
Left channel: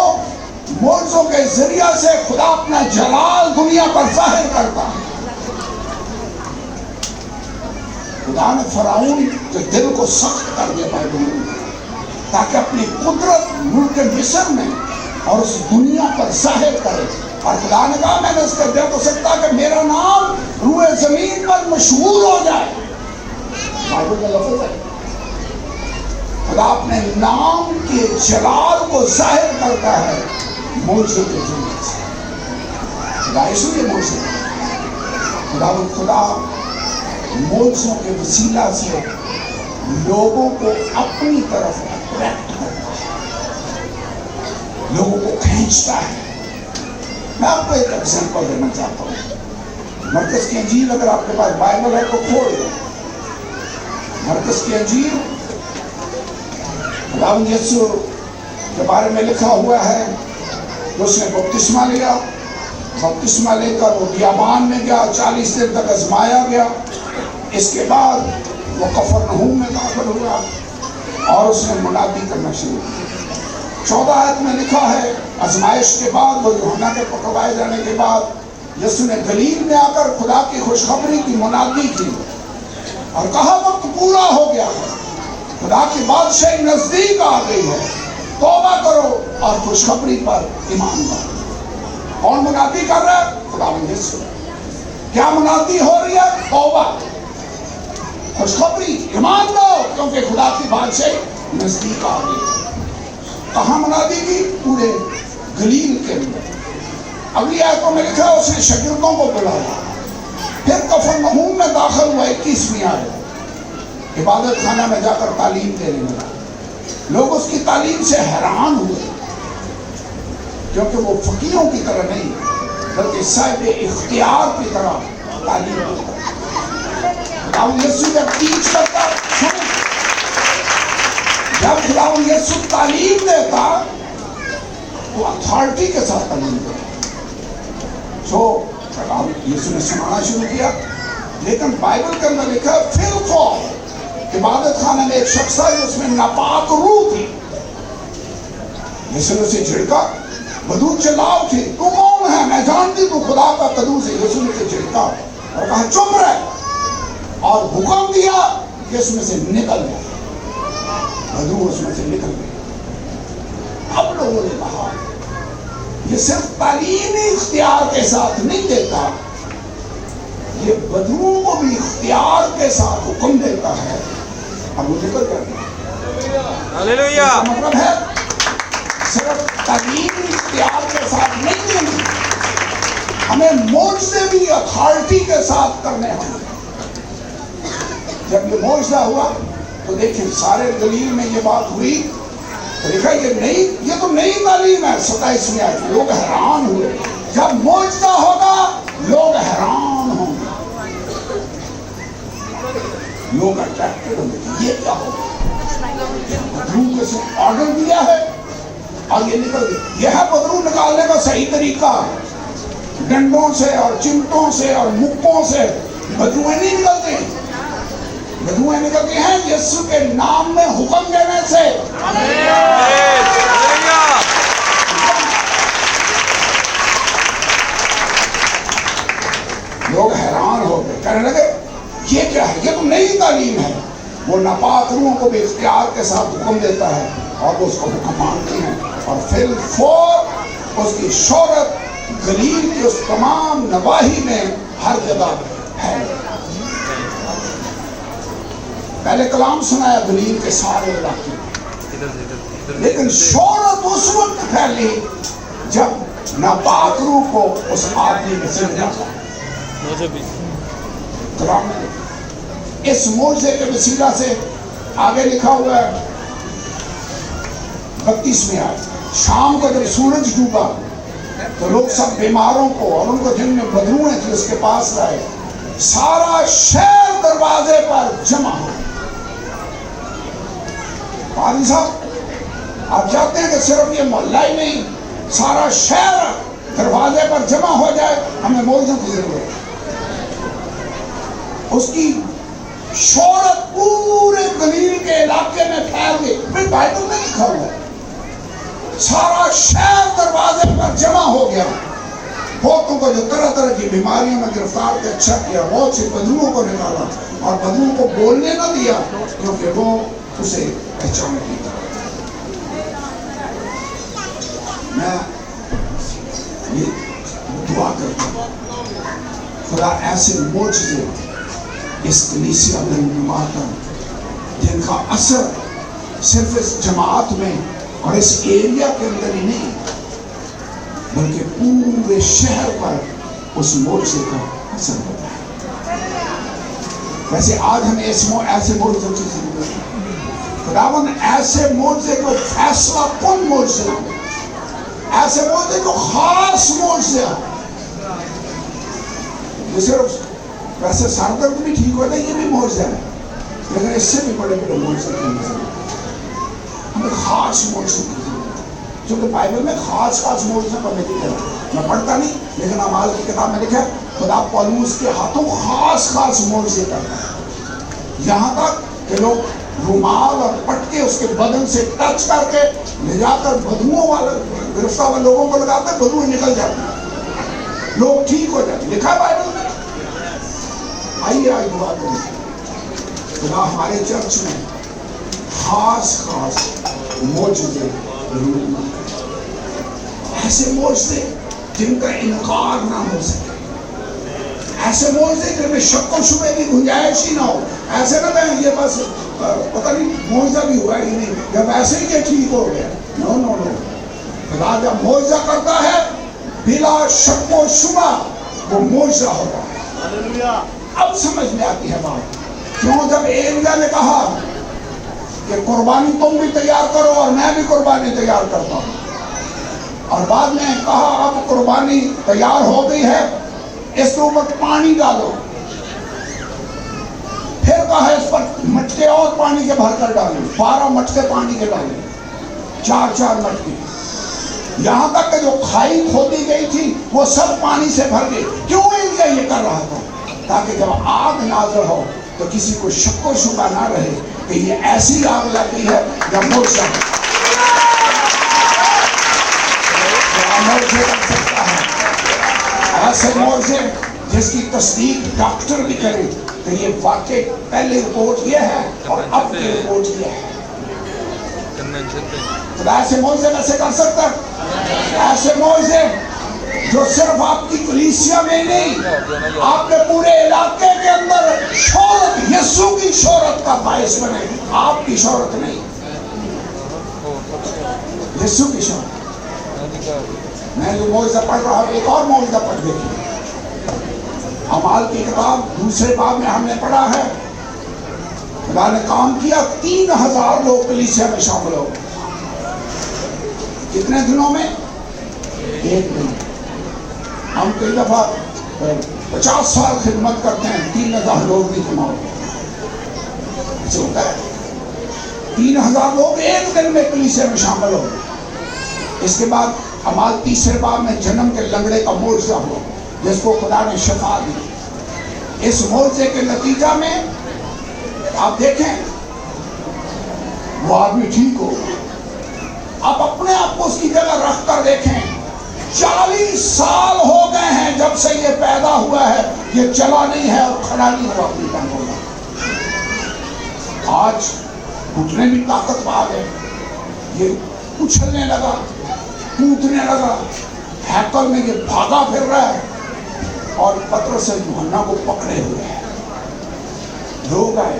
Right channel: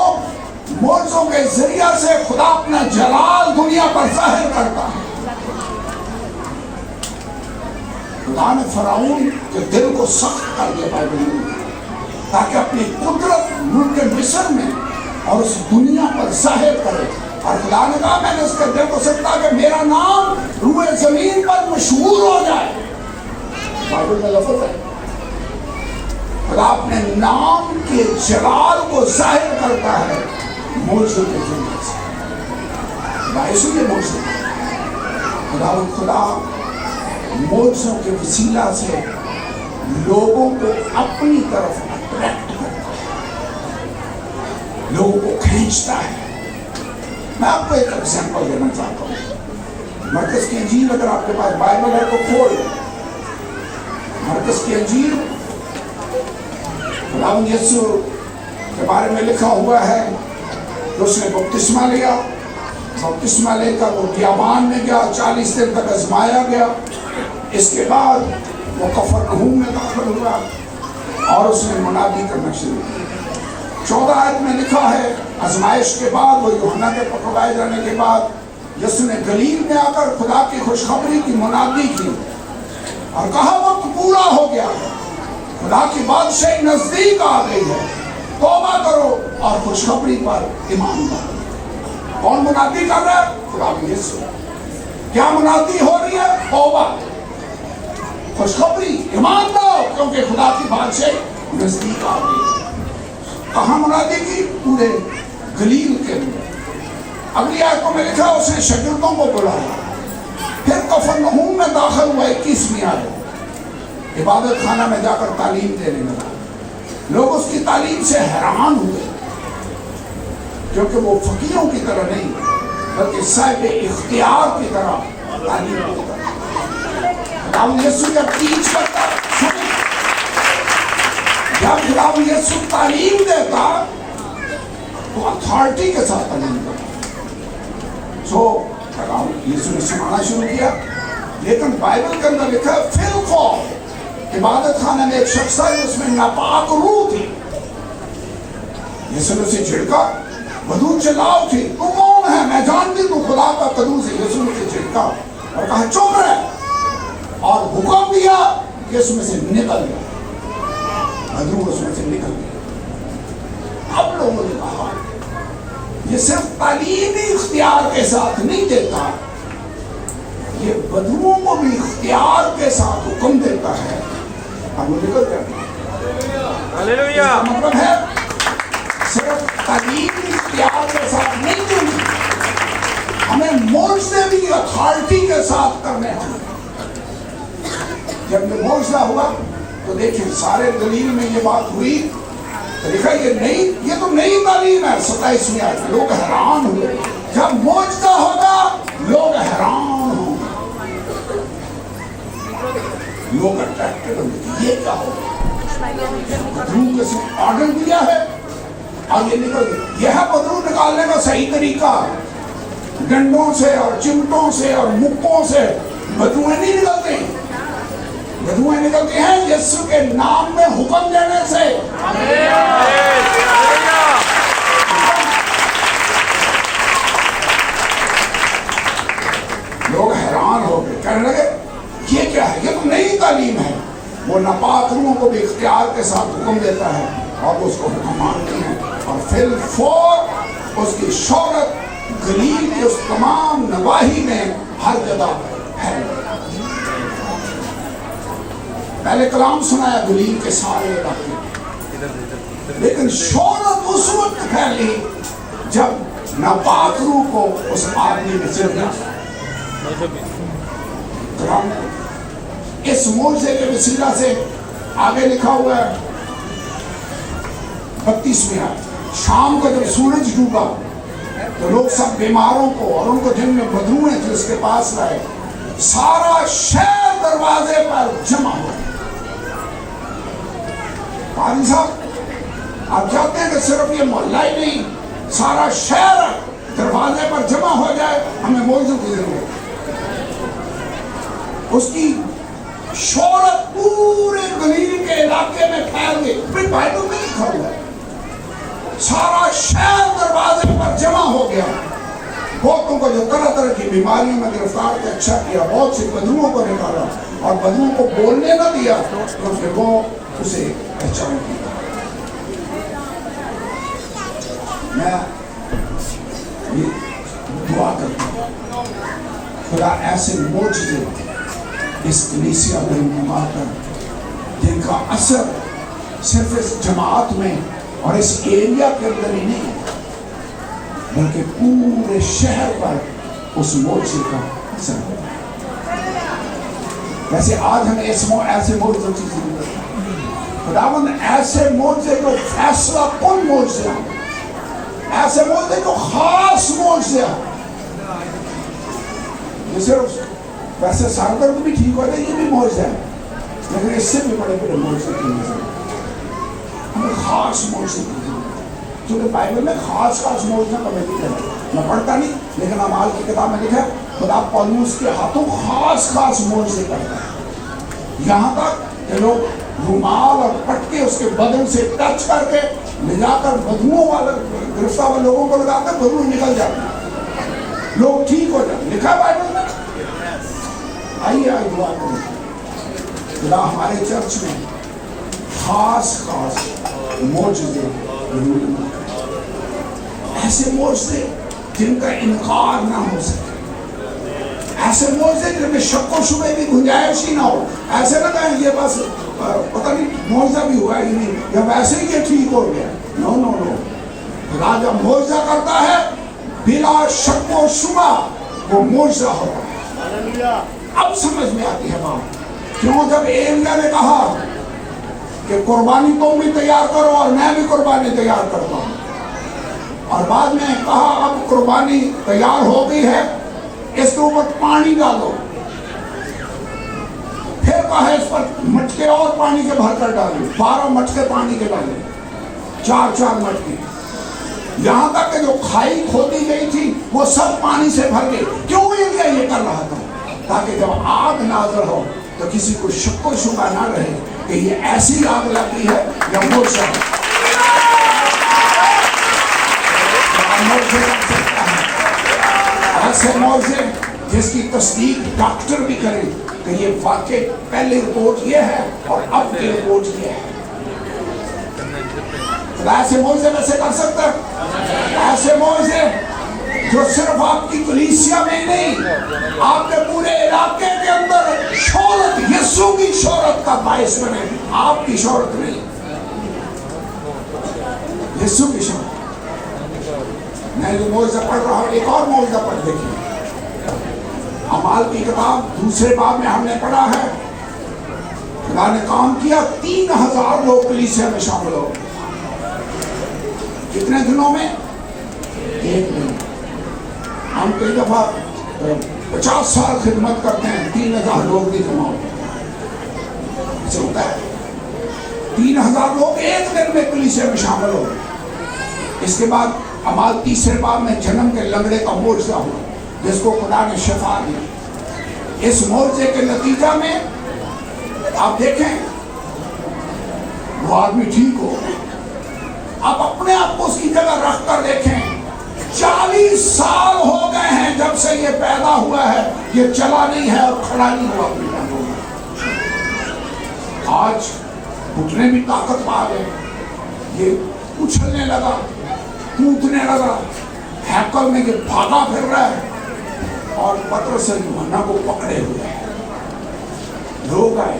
मोर्चों के जरिए से खुदा अपना जलाल दुनिया पर जाहिर करता है। खुदा ने फराऊन के दिल को सख्त कर दिया ताकि अपनी कुदरत मुल्क मिस्र में और उस दुनिया पर जाहिर करे। और खुदा ने कहा मैंने इसके दिल को सख्त किया कि मेरा नाम रूए जमीन पर मशहूर हो जाए। बाइबल में लफ्ज़ है, खुदा अपने नाम के जलाल को जाहिर करता है मोर्चे के जरिए से। खुदा इसलिए मोर्चे खुदा मोर्चों के वसीला से लोगों को अपनी तरफ अट्रैक्ट करता है, लोगों को खींचता है। मैं आपको एक एग्जांपल देना चाहता हूँ। मरकज़ की इंजील अगर आपके पास बाइबल है तो खोल लो। मरकज़ की इंजील खुदावंद यीशु के बारे में लिखा हुआ है कि उसने बपतिस्मा लिया, बपतिस्मा लेकर वो बियाबान में गया, 40 दिन तक आजमाया गया। इसके बाद वो कफरनहूम में दाखिल हुआ और उसने मुनादी करना शुरू किया। 14 आयत में लिखा है, आजमाइश के बाद, वो यूहन्ना के पकड़ाए जाने के बाद यीशु ने गलील में आकर खुदा की खुशखबरी की मुनादी की और कहा वक्त पूरा हो गया है, खुदा की बादशाही नजदीक आ गई है, तौबा करो और खुशखबरी पर ईमान लाओ। कौन मुनादी कर रहा है? खुदा यीशु। क्या मुनादी हो रही है? तौबा, खुशखबरी, ईमान लाओ, क्योंकि खुदा की बादशाही नजदीक आ गई है। कहाँ मुनादी की? पूरे गलील के अंदर। अगली आयत में लिखा, उसने शागिर्दों को बुलाया, फिर कफरनहूम में दाखिल हुआ। 21वीं आयत, इबादत खाना में जाकर तालीम देने लगा। लोग उसकी तालीम से हैरान हुए, क्योंकि वो फकीरों की तरह नहीं बल्कि साहिब इख्तियार की तरह तालीम देता। अब यीशु जब टीच करता, जब खुदावन यीशु तालीम देता तो अथॉरिटी के साथ तालीम देता। सो यीशु ने सुनाना शुरू किया, लेकिन बाइबल के अंदर लिखा फिर इबादत खाने में एक शख्स था जिसमें नापाक रूह थी। यीशु ने उसे झिड़का, बदू चिल्लाओ थी, तू कौन है? मैं जानती तू खुदा का कदूस है। यीशु ने उसे झिड़का और कहा चुप रह, और हुक्म दिया कि इसमें से निकल गया। बदू उसमें से निकल गया। अब लोगों ने कहा ये सिर्फ तालीमी इख्तियार के साथ नहीं देता, ये बदुओं को भी इख्तियार के साथ हुक्म देता है। अब वो निकल गया। हालेलुया। मतलब है सिर्फ तालीमी इख्तियार के साथ नहीं देनी, हमें मोर्चे भी अथॉरिटी के साथ करने हैं। जब ये मोर्चा हुआ तो देखिए सारे गलील में ये बात हुई, देखा ये तो नई तालीम है। 27वीं आयत, लोग हैरान हुए। जब मोर्चा होगा लोग हैरान होंगे, लोग अट्रैक्टेड होंगे। ये क्या होगा? बदरू से ऑर्डर दिया है, आगे निकल गए। यह बदरू निकालने का सही तरीका डंडों से और चिमटों से और मुक्कों से बदरुएं नहीं निकलते। बदरुएं निकलते हैं यीशु के नाम में हुक्म देने से। लोग हैरान हो गए, कहने लगे ये क्या है? ये तो नई तालीम है। वो नापाक रूहों को भी इख्तियार के साथ हुक्म देता है और वो उसको हुक्म मानते हैं, और फिर फौर उसकी शोहरत गलील की उस तमाम नवाही में हर जगह है। पहले कलाम सुनाया गलील के सारे इलाके, लेकिन शोहरत उस वक्त फैली जब नापाक रूह को उस आदमी में चल गया। इस मोर्चे के वसीला से आगे लिखा हुआ है 32वीं आयत, शाम को जब सूरज डूबा तो लोग सब बीमारों को और उनको जिनमें बदरुएं थी उसके पास आए। सारा शहर दरवाजे पर जमा हो। पानी साहब आप चाहते हैं कि सिर्फ ये मोहल्ला ही नहीं, सारा शहर दरवाजे पर जमा हो जाए, हमें मौजूद की जरूरत है। उसकी शोहरत पूरे गलील के इलाके में फैल गई। भाई बाइबल में लिखा हुआ है सारा शहर दरवाजे पर जमा हो गया। बहुतों को जो तरह तरह की बीमारियों में गिरफ्तार के अच्छा किया, बहुत से बदरुओं को निकाला और बदरुओं को बोलने न दिया, तो फिर वो उसे पहचान किया। मैं ये दुआ करता हूँ खुदा ऐसे मोजज़े इस कलीसिया में नुमाता जिनका असर सिर्फ इस जमात में और इस एरिया के अंदर ही नहीं बल्कि पूरे शहर पर उस मोर्चे का असर होता है। वैसे आज हमें ऐसे मोर्चों की जरूरत है। खुदावन ऐसे मोर्चे को फैसला कौन मोर्चे, ऐसे मोर्चे को खास मोर्चे, सिर्फ वैसे सरदर्द भी ठीक होता है, ये भी मोर्चा है, लेकिन इससे भी बड़े बड़े मोर्चे खास मोर्चे क्योंकि बाइबल में खास मोर्चा पढ़ने मैं पढ़ता नहीं, लेकिन अमाल की किताब में लिखा खुदा पौलुस के हाथों खास मोर्चे करता है। यहाँ तक कि लोग रुमाल और पटके उसके बदन से टच करके ले जाकर बदबुओं वाले गिरफ्तार हुए लोगों को लगाकर बदबू निकल जाती, लोग ठीक हो जाते। लिखा बाइबल में। आइए आज दुआ करें, खुदा हमारे चर्च में खास मौजूदे जरूर ना करें, ऐसे मौजूदे जिनका इनकार ना हो सके, ऐसे मौजूदे जिनमें शक व शुबे की गुंजाइश ही ना हो। ऐसे ना कहें ये बस पता नहीं मौजूदा भी हुआ ही नहीं, या वैसे ही ये ठीक हो गया। नो नो नो, खुदा जब मौजूदा करता है बिला शक व शुबा वो मौजूदा होगा। अब समझ में आती है बात, क्यों जब एलिया ने कहा कि कुर्बानी तुम भी तैयार करो और मैं भी कुर्बानी तैयार करता हूं, और बाद में कहा अब कुर्बानी तैयार हो गई है, इसके ऊपर पानी डालो, फिर कहा इस पर मटके और पानी के भरकर डालो, 12 मटके पानी के डाले, 4-4 मटके, यहां तक कि जो खाई खोदी गई थी वो सब पानी से भर गई। क्यों एलिया ये कर रहा था? ताकि जब आग नाज़िल हो तो किसी को शक व शुबा ना रहे कि ये ऐसी आग लगी है या मौजूदा ऐसे मौजूदे जिसकी तस्दीक डॉक्टर भी करे तो ये वाकई पहले रिपोर्ट ये है और अब की रिपोर्ट ये है। तो ऐसे मौजूदे कैसे कर सकता है? ऐसे मौजूदे जो सिर्फ आपकी कलीसिया में नहीं, आपके पूरे इलाके के अंदर शोहरत, यीशु की शोहरत का बायस बने, आपकी शोहरत नहीं, यीशु की शोहरत। मैं जो मौजूदा पढ़ रहा हूं, एक और मौजूदा पढ़ देखिए, अमाल की किताब 2 बाब में हमने पढ़ा है, खुदा ने काम किया, 3000 लोग कलीसिया में शामिल हो। कितने दिनों में? 1 दिन। हम कई दफा 50 साल खिदमत करते हैं, 3000 लोग नहीं जमा होता है। 3000 लोग 1 दिन में कलीसिया में शामिल हो। इसके बाद अमाल 3 बाब में जन्म के लंगड़े का मोर्चा हुआ, जिसको खुदा ने शफा दी। इस मोर्चे के नतीजा में आप देखें वो आदमी ठीक हो। आप अपने आप को उसकी जगह रख कर देखें, 40 साल हो गए हैं जब से ये पैदा हुआ है, ये चला नहीं है और खड़ा नहीं हुआ। आज घुटने भी ताकतवर है, ये उछलने लगा, कूदने लगा, हैकल में ये भागा फिर रहा है, और पतरस और यूहन्ना को पकड़े हुए हैं। लोग आए,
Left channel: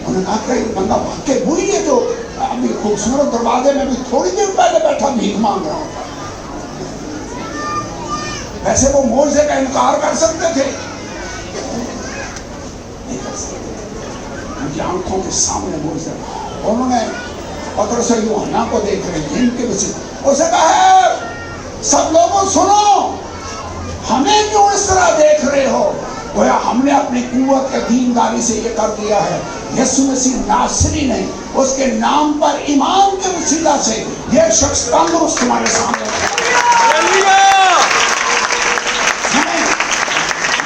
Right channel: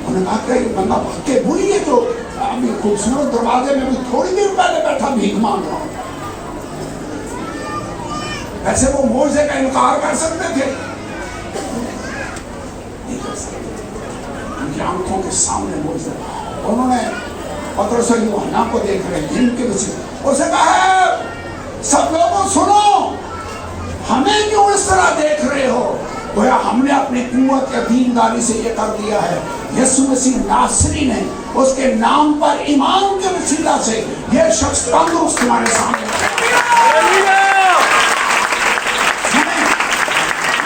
उन्होंने कहा नंगा भाग के वही है जो अभी खूबसूरत दरवाजे में भी थोड़ी देर पहले बैठा भीख मांग रहा। वैसे वो मौजूदे का इनकार कर सकते थे, नहीं कर सकते। उनकी आंखों के सामने मौजूदा, उन्होंने पतरस और यूहन्ना को देख रहे हैं, जिनके वजह उसे कहा सब लोगों सुनो, हमें क्यों इस तरह देख रहे हो? गोया हमने अपनी कुव्वत या दीनदारी से ये कर दिया है। यीशु मसीह नासरी ने उसके नाम पर ईमान के वसीला से यह शख्स तंदुरुस्त हमारे सामने।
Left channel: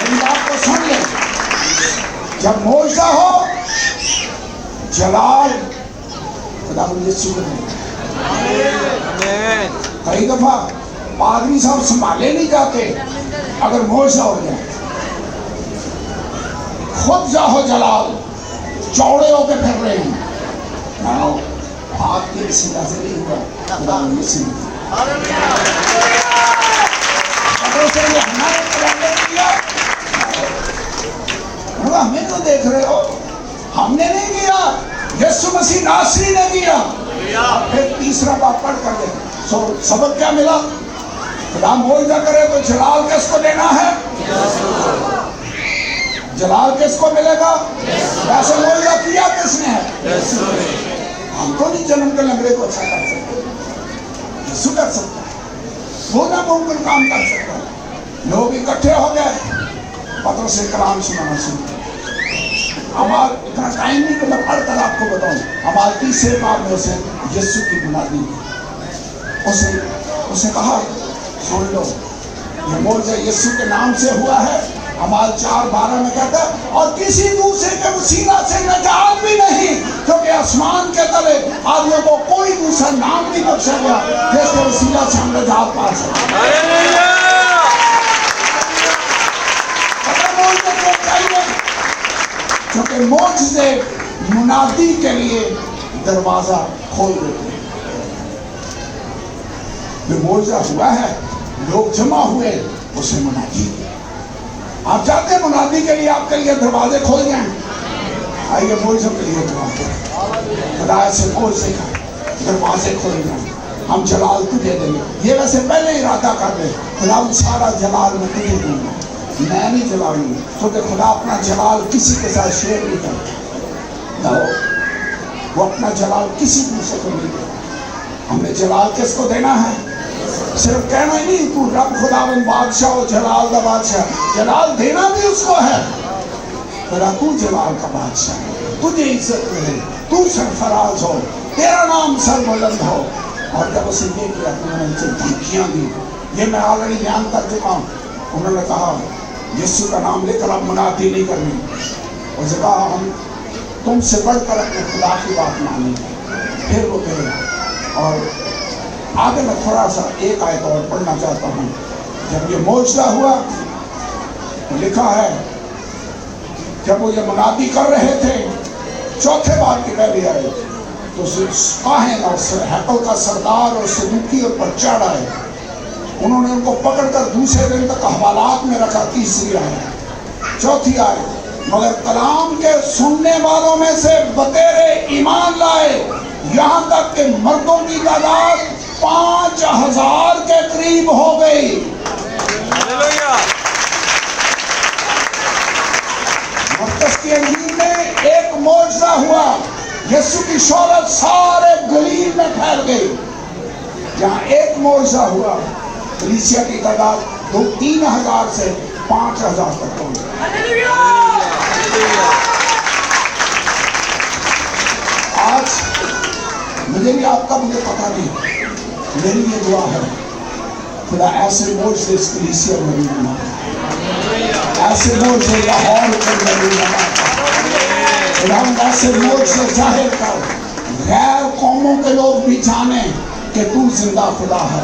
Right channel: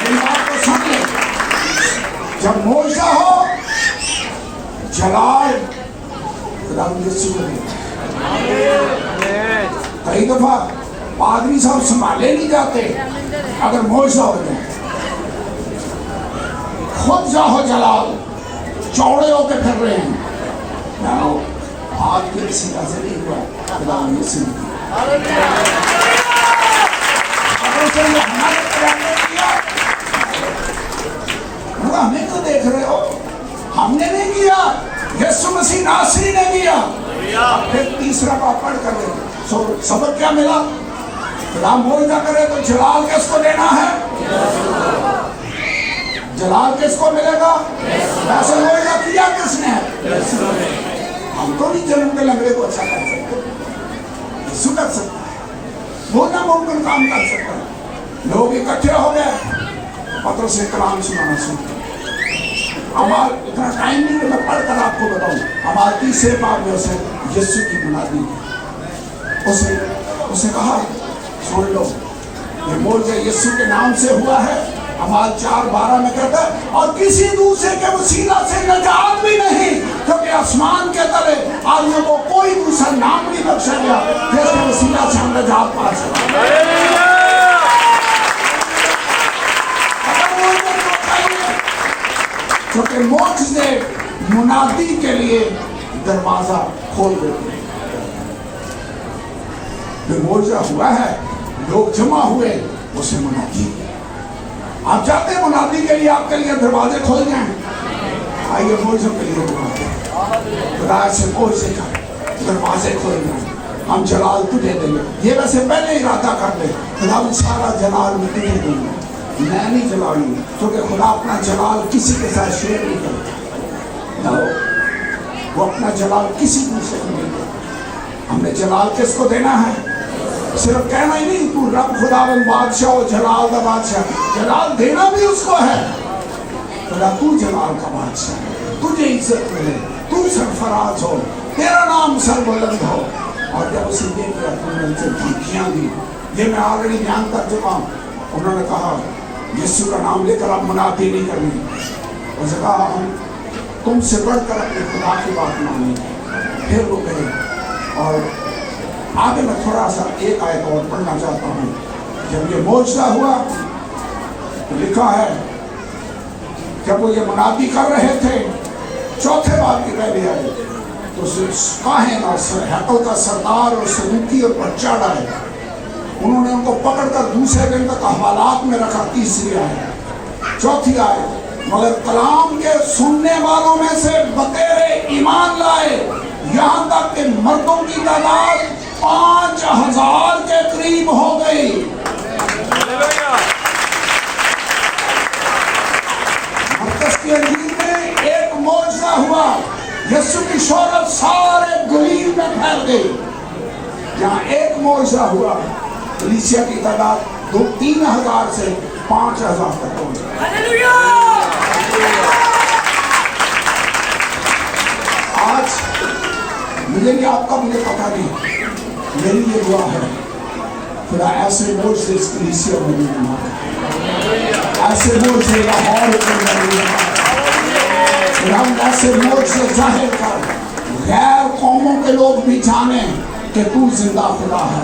मेरी बात को सुनिए, जब मौजूदा हो जलाल कई दफा पादरी साहब संभाले नहीं जाते अगर मौजूदा हो जाए। खुद जाहो जलाल, चौड़े होकर फिर रहे हैं, आपके सीधा से नहीं हुआ। हमें तो देख रहे हो, हमने नहीं किया, यीशु मसीह नासरी ने किया। फिर 3 बाब पढ़ कर सबक क्या मिला? खुदा मौजूदा करे तो जलाल किसको देना है? जलाल किसको मिलेगा? ऐसा मौजूदा किया किसने है? हम तो नहीं जन्म के लंगड़े को अच्छा कर सकते, यीशु कर सकता है, वो नामुमकिन काम कर सकता है। लोग इकट्ठे हो गए, पतरस से कलाम सुनाना शुरू। अमाल इतना टाइम नहीं तो मैं पढ़कर आपको बताऊं। अमाल 3 बाब में उसे यीशु की बुलानी, उसे कहा सुन लो, ये मौजूदा यीशु के नाम से हुआ है। अमाल 4:12 में कहता है और किसी दूसरे के वसीला से नजात भी नहीं, क्योंकि आसमान के तले आदमियों को कोई दूसरा नाम नहीं बख्शा गया जिसके वसीला से हम निजात पा सकें। क्योंकि मौजज़े मुनादी के लिए दरवाजा खोल देते हैं। जो मौजज़ा हुआ है, लोग जमा हुए, उसे मुनादी। आप चाहते हैं मुनादी के लिए आपके लिए दरवाजे खोल जाएं? आइए मौजज़ों के लिए दरवाजे, खुदा से मौजज़े का दरवाजे खोल जाएं। हम जलाल तुझे देंगे। ये वैसे पहले इरादा कर ले, खुदा सारा जलाल में तुझे देंगे, मैं नहीं जलाऊंगी, क्योंकि खुदा अपना जलाल किसी के साथ शेयर नहीं करता। वो अपना जलाल किसी दूसरे को नहीं देता। हमने जलाल किसको देना है? सिर्फ कहना ही नहीं, तू रब खुदावन बादशाह हो, जलाल का बादशाह। जलाल देना भी उसको है। खुदा तू जलाल का बादशाह है, तुझे इज्जत मिले, तू सरफराज हो, तेरा नाम सरबुलंद हो। और जब उसे दे दिया तो उन्होंने उनसे धमकियां दी। ये मैं ऑलरेडी बयान कर चुका हूँ। उन्होंने कहा यीशु का नाम लेकर आप मुनादी नहीं करनी। उसने कहा हम तुमसे बढ़कर अपने खुदा की बात मानेंगे। फिर वो गए और आगे मैं थोड़ा सा एक आयत और पढ़ना चाहता हूँ। जब ये मौजज़ा हुआ, लिखा है जब वो ये मुनादी कर रहे थे, चौथे बार की पहले आए तो काहिन और हैकल का सरदार और सदूकी और बच्चा आए। उन्होंने उनको पकड़कर दूसरे दिन तक हवालात में रखा। तीसरी आए, चौथी आए, मगर कलाम के सुनने वालों में से बतेरे ईमान लाए, यहाँ तक कि मर्दों की तादाद 5000 के करीब हो गई। मत्ती की इंजील में एक मौजज़ा हुआ, यीशु की शोहरत सारे गलील में फैल गई। जहाँ एक मौजज़ा हुआ, कलीसिया की तादाद 2-3 से 5000 तक हो गई। आज मुझे भी आपका मुझे पता नहीं, मेरी ये दुआ है खुदा ऐसे मौजज़े इस कलीसिया में नहीं बना, ऐसे मौजज़े लाहौर में ऐसे मौजज़े जाहिर कर, गैर कौमों के लोग भी जाने कि तू जिंदा खुदा है।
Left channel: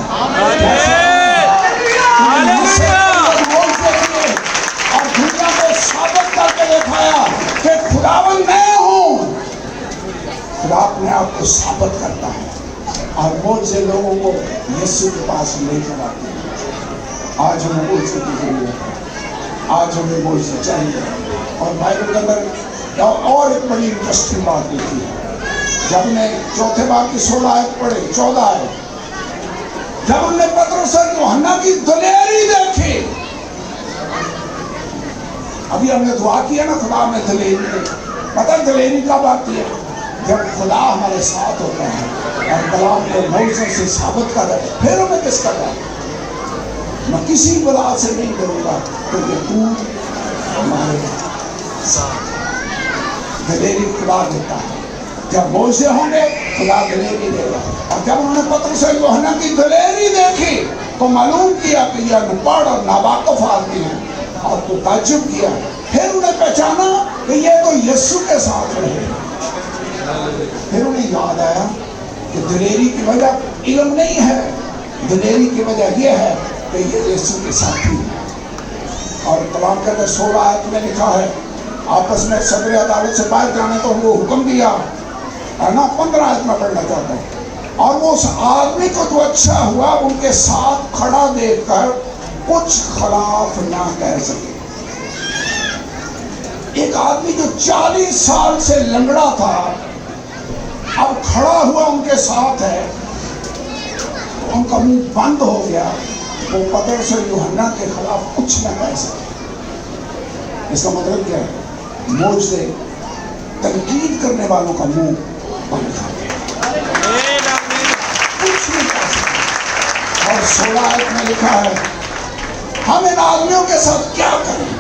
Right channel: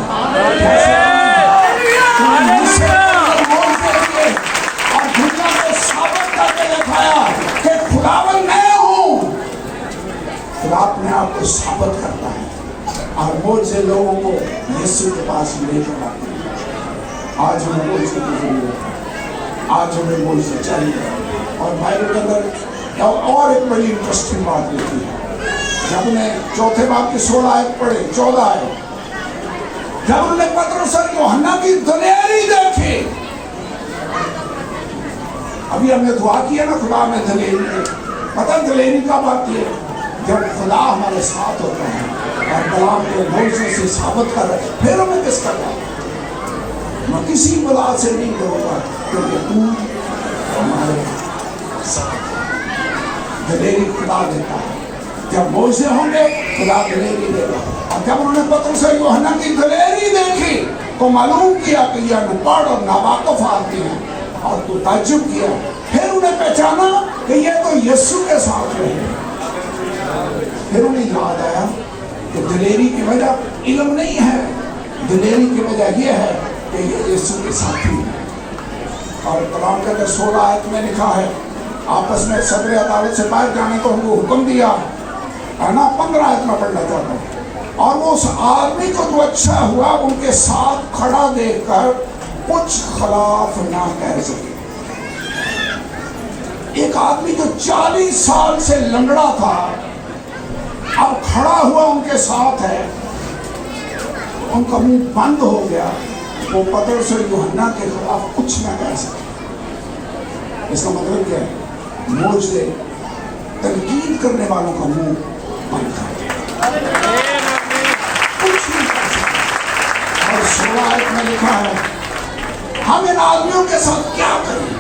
और दुनिया को साबित करके दिखाया कि खुदावन मैं हूँ। खुदा अपने आप को साबित करता है और मौजज़े लोगों को यीशु के पास नहीं कराते। आज हमें मौजज़े की जरूरत है, आज हमें मौजज़े चाहिए। और बाइबल के अंदर और एक बड़ी इंटरेस्टिंग बात लिखी है। जब ने चौथे बाब की 16 आयत पढ़े, 14 आयत, जब उन्होंने पतरस और यूहन्ना की दलेरी देखी, अभी हमने दुआ किया ना खुदा में दलेरी, पता दलेरी कब आती है? जब खुदा हमारे साथ होता है और बला को मौजज़े से साबित कर रहे, फिर उन्हें किस कर रहा? मैं किसी बला से नहीं करूँगा क्योंकि तू हमारे साथ। दलेरी खुदा देता है। जब मौजज़े होंगे खुदा दलेरी देगा। और जब उन्होंने पतरस और यूहन्ना की दलेरी देखी तो मालूम किया कि यह अनपढ़ और नावाकिफ़ आदमी है, और तो ताज्जुब किया। फिर उन्हें पहचाना कि ये तो यीशु के साथ है। फिर उन्हें याद आया कि दलेरी की वजह इल्म नहीं है, दलेरी की वजह यह है कि ये यीशु के साथी है। और कुरान के 16 आयत में लिखा है, आपस में सदर अदालत से बाहर जाने को उनको हुक्म दिया है ना। 15 आयत में पढ़ना चाहता हूँ। और वो उस आदमी को जो अच्छा हुआ उनके साथ खड़ा देखकर कुछ खिलाफ ना कह सके। एक आदमी जो 40 साल से लंगड़ा था, अब खड़ा हुआ उनके साथ है, उनका मुंह बंद हो गया, वो पतरस और यूहन्ना के खिलाफ कुछ ना कह सके। इसका मतलब क्या है? मौजज़े तनकीद करने वालों का मुंह बंद कर दिया, कुछ नहीं कह सकते। और 16 आयत में लिखा है, हम इन आदमियों के साथ क्या करें,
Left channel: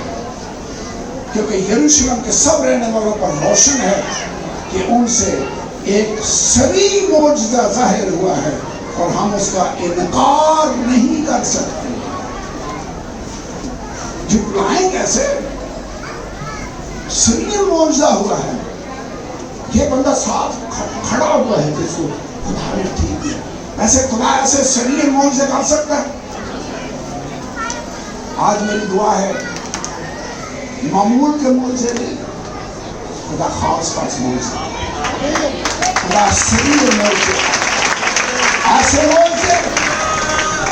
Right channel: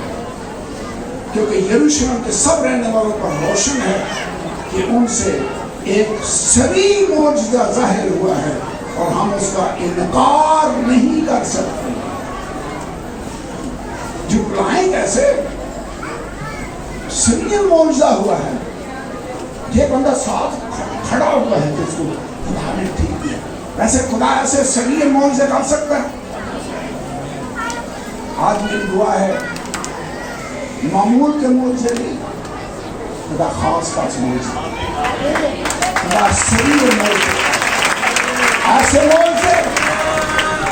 क्योंकि यरूशलेम के सब रहने वालों पर रोशन है कि उनसे एक सरी मौजज़ा जाहिर हुआ है और हम उसका इनकार नहीं कर सकते। झुकलाएं कैसे? सही मौजज़ा हुआ है, یہ بندہ ساتھ کھڑا ہوا ہے جس کو خدا نے ٹھیک کیا. ویسے خدا ایسے سریع معجزے کر سکتا ہے. آج میری دعا ہے معمول کے معجزے نہیں, خدا خاص معجزے, خدا سریع معجزے, ایسے معجزے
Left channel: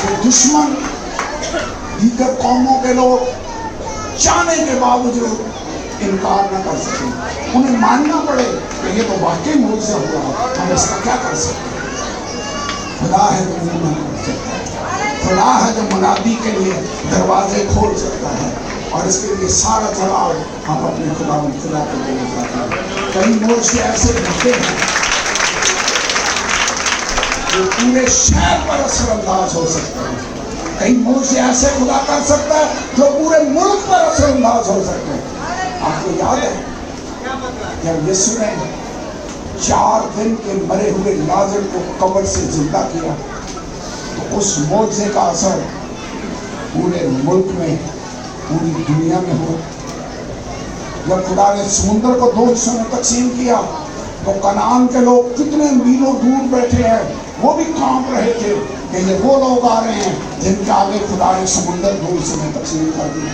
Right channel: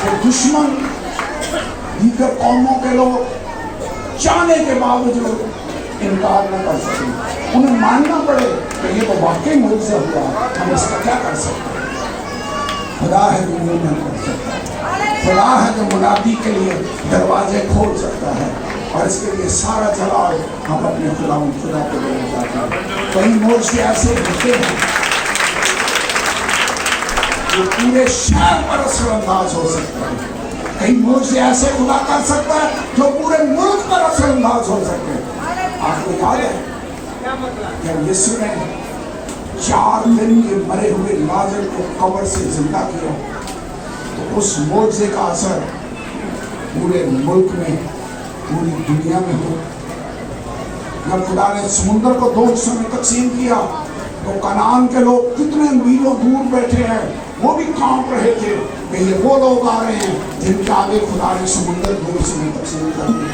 جو دشمن دیگر قوموں کے لوگ چاہنے کے باوجود انکار نہ کر سکیں. انہیں ماننا پڑے کہ یہ تو واقعی معجزہ ہوا, ہم اس کا کیا کر سکتے ہیں. خدا ہے جو نہیں کر سکتا, خدا ہے جو منادی کے لیے دروازے کھول سکتا ہے, اور اس کے لیے سارا جواب ہم اپنے خدا کو دینا چاہتے ہیں. کئی معجزے ایسے ہوتے ہیں جو پورے شہر پر اثر انداز ہو سکتے ہیں. کئی معجزے ایسے خدا کر سکتا ہے جو پورے ملک پر اثر انداز ہو سکتے ہیں. آپ کو یاد ہے جب یسوع نے 4 دن کے مرے ہوئے لازر کو قبر سے زندہ کیا, تو اس معجزے کا اثر پورے ملک میں, پوری دنیا میں ہو. جب خدا نے سمندر کو 2 حصوں میں تقسیم کیا تو کنعان کے لوگ کتنے میلوں دور بیٹھے ہیں وہ بھی کانپ رہے تھے کہ یہ وہ لوگ آ رہے ہیں جن کے آگے خدا نے سمندر 2 حصوں میں تقسیم کر دیا.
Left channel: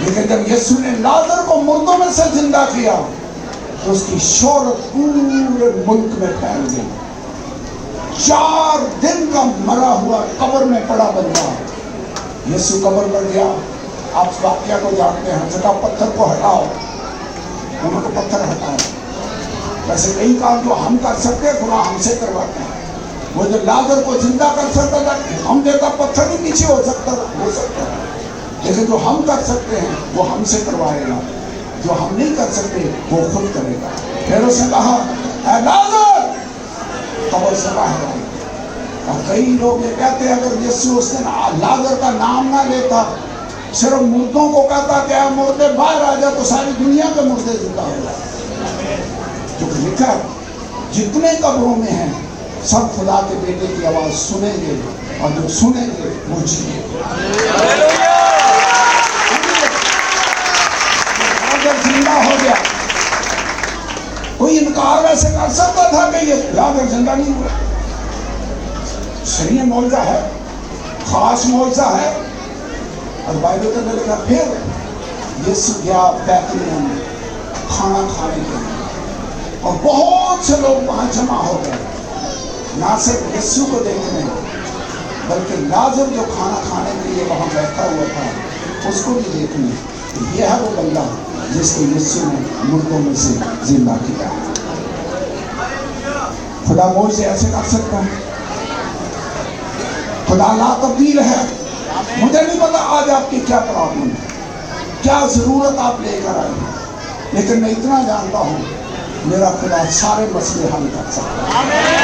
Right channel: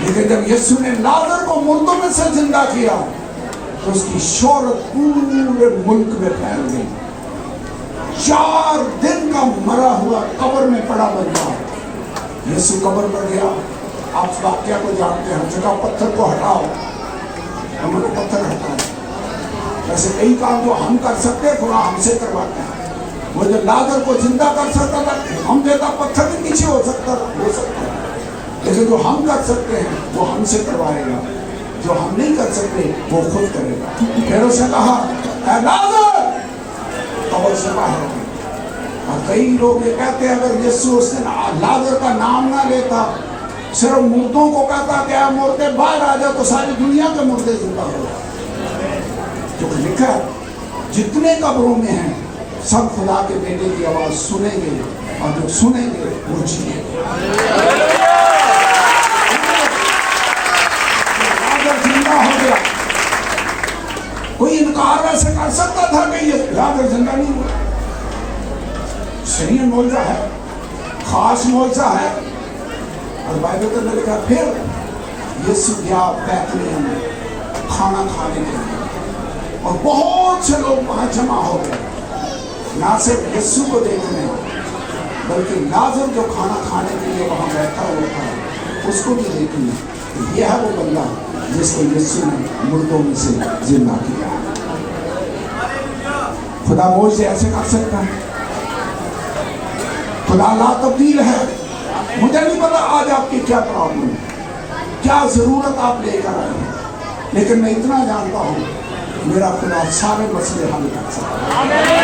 لیکن جب یسوع نے لازر کو مردوں میں سے زندہ کیا تو اس کی شہرت پورے ملک میں پھیل گئی. 4 دن کا مرا ہوا قبر میں پڑا بندہ یسوع قبر پر گیا. آپ واقعہ کو جانتے ہیں, ہر جگہ پتھر کو ہٹاؤ, انہوں نے پتھر ہٹایا. ویسے کئی کام جو ہم کر سکتے ہیں خدا ہم سے کرواتے ہیں. وہ جو لازر کو زندہ کر سکتا تھا, ہم جگہ پتھر بھی نیچے ہو سکتا ہے, لیکن جو ہم کر سکتے ہیں وہ ہم سے کروائے گا, جو ہم نہیں کر سکتے وہ خود کرے گا. پھر اس نے کہا اے لازر, قبر سے باہر آ. اور کئی لوگ یہ کہتے ہیں اگر یسوع اس نے لازر کا نام نہ لیتا, صرف مردوں کو کہتا کہ اے مردے باہر آ جائے, تو ساری دنیا کے مردے زندہ ہو جائے. کیونکہ لکھا جتنے قبروں میں ہیں سب خدا کے بیٹے کی آواز سنیں گے, اور جو سنیں گے وہ جیئیں گے. زندہ ہو گیا. کوئی انکار ایسے کر سکتا تھا کہ یہ لازر زندہ نہیں ہوا؟ صحیح معجزہ ہے, خاص معجزہ ہے. اور بائبل کے اندر لکھا پھر یسوع گیا بیتلہم میں کھانا کھانے کے لیے, اور بہت سے لوگ وہاں جمع ہو گئے, نہ صرف یسوع کو دیکھنے بلکہ لازر جو کھانا کھانے کے لیے وہاں بیٹھا ہوا تھا اس کو بھی دیکھنے. یہ ہے وہ بندہ جس کو یسوع نے مردوں میں سے زندہ کیا. خدا معجزے ایسے کر سکتا ہے. خدا لا تبدیل ہے. مجھے نہیں پتا آج آپ کی کیا پرابلم ہے, کیا ضرورت آپ لے کر آئے ہیں, لیکن میں اتنا جانتا ہوں میرا خدا سارے مسئلے حل کر سکتا ہے.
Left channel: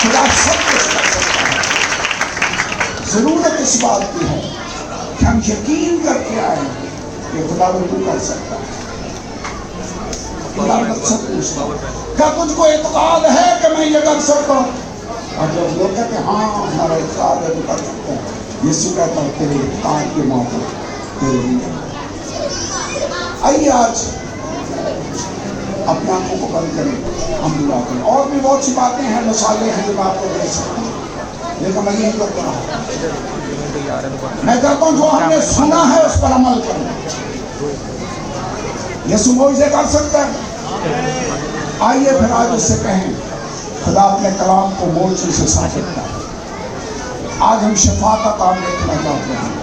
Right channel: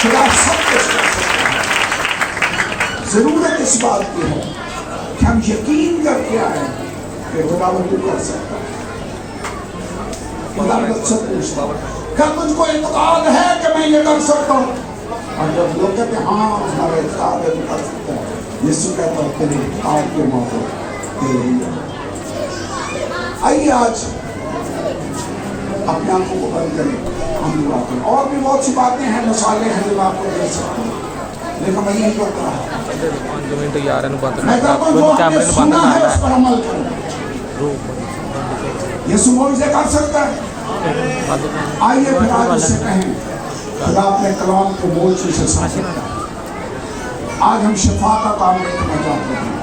خدا سب کچھ کر سکتا ہے. ضرورت اس بات کی ہے کہ ہم یقین کر کے آئے کہ خدا وہ کر سکتا ہے. خدا مقصد پوچھتا ہے کیا تجھ کو اعتقاد ہے کہ میں یہ کر سکتا ہوں؟ اور جب لوگ کہتے ہیں ہاں ہمارا اعتقاد ہے تو کر سکتے ہیں, یسوع کہتا ہے تیرے اعتقاد کے موقع تیرے لیے. آئیے آج اپنے آنکھوں کو بند کریں, ہم دعا کریں. اور بھی بہت سی باتیں ہیں, مثالیں ہیں جو آپ کو دے سکتے ہیں, لیکن میں یہی کرتا ہوں, میں کہتا ہوں جو ہم نے سنا ہے اس پر عمل کریں. یسوع معجزے کر سکتا ہے. آئیے پھر آج اس سے کہیں خدا اپنے کلام کو معجزے سے ثابت کرتا ہے. آج ہم شفا کا کام دیکھنا چاہتے ہیں.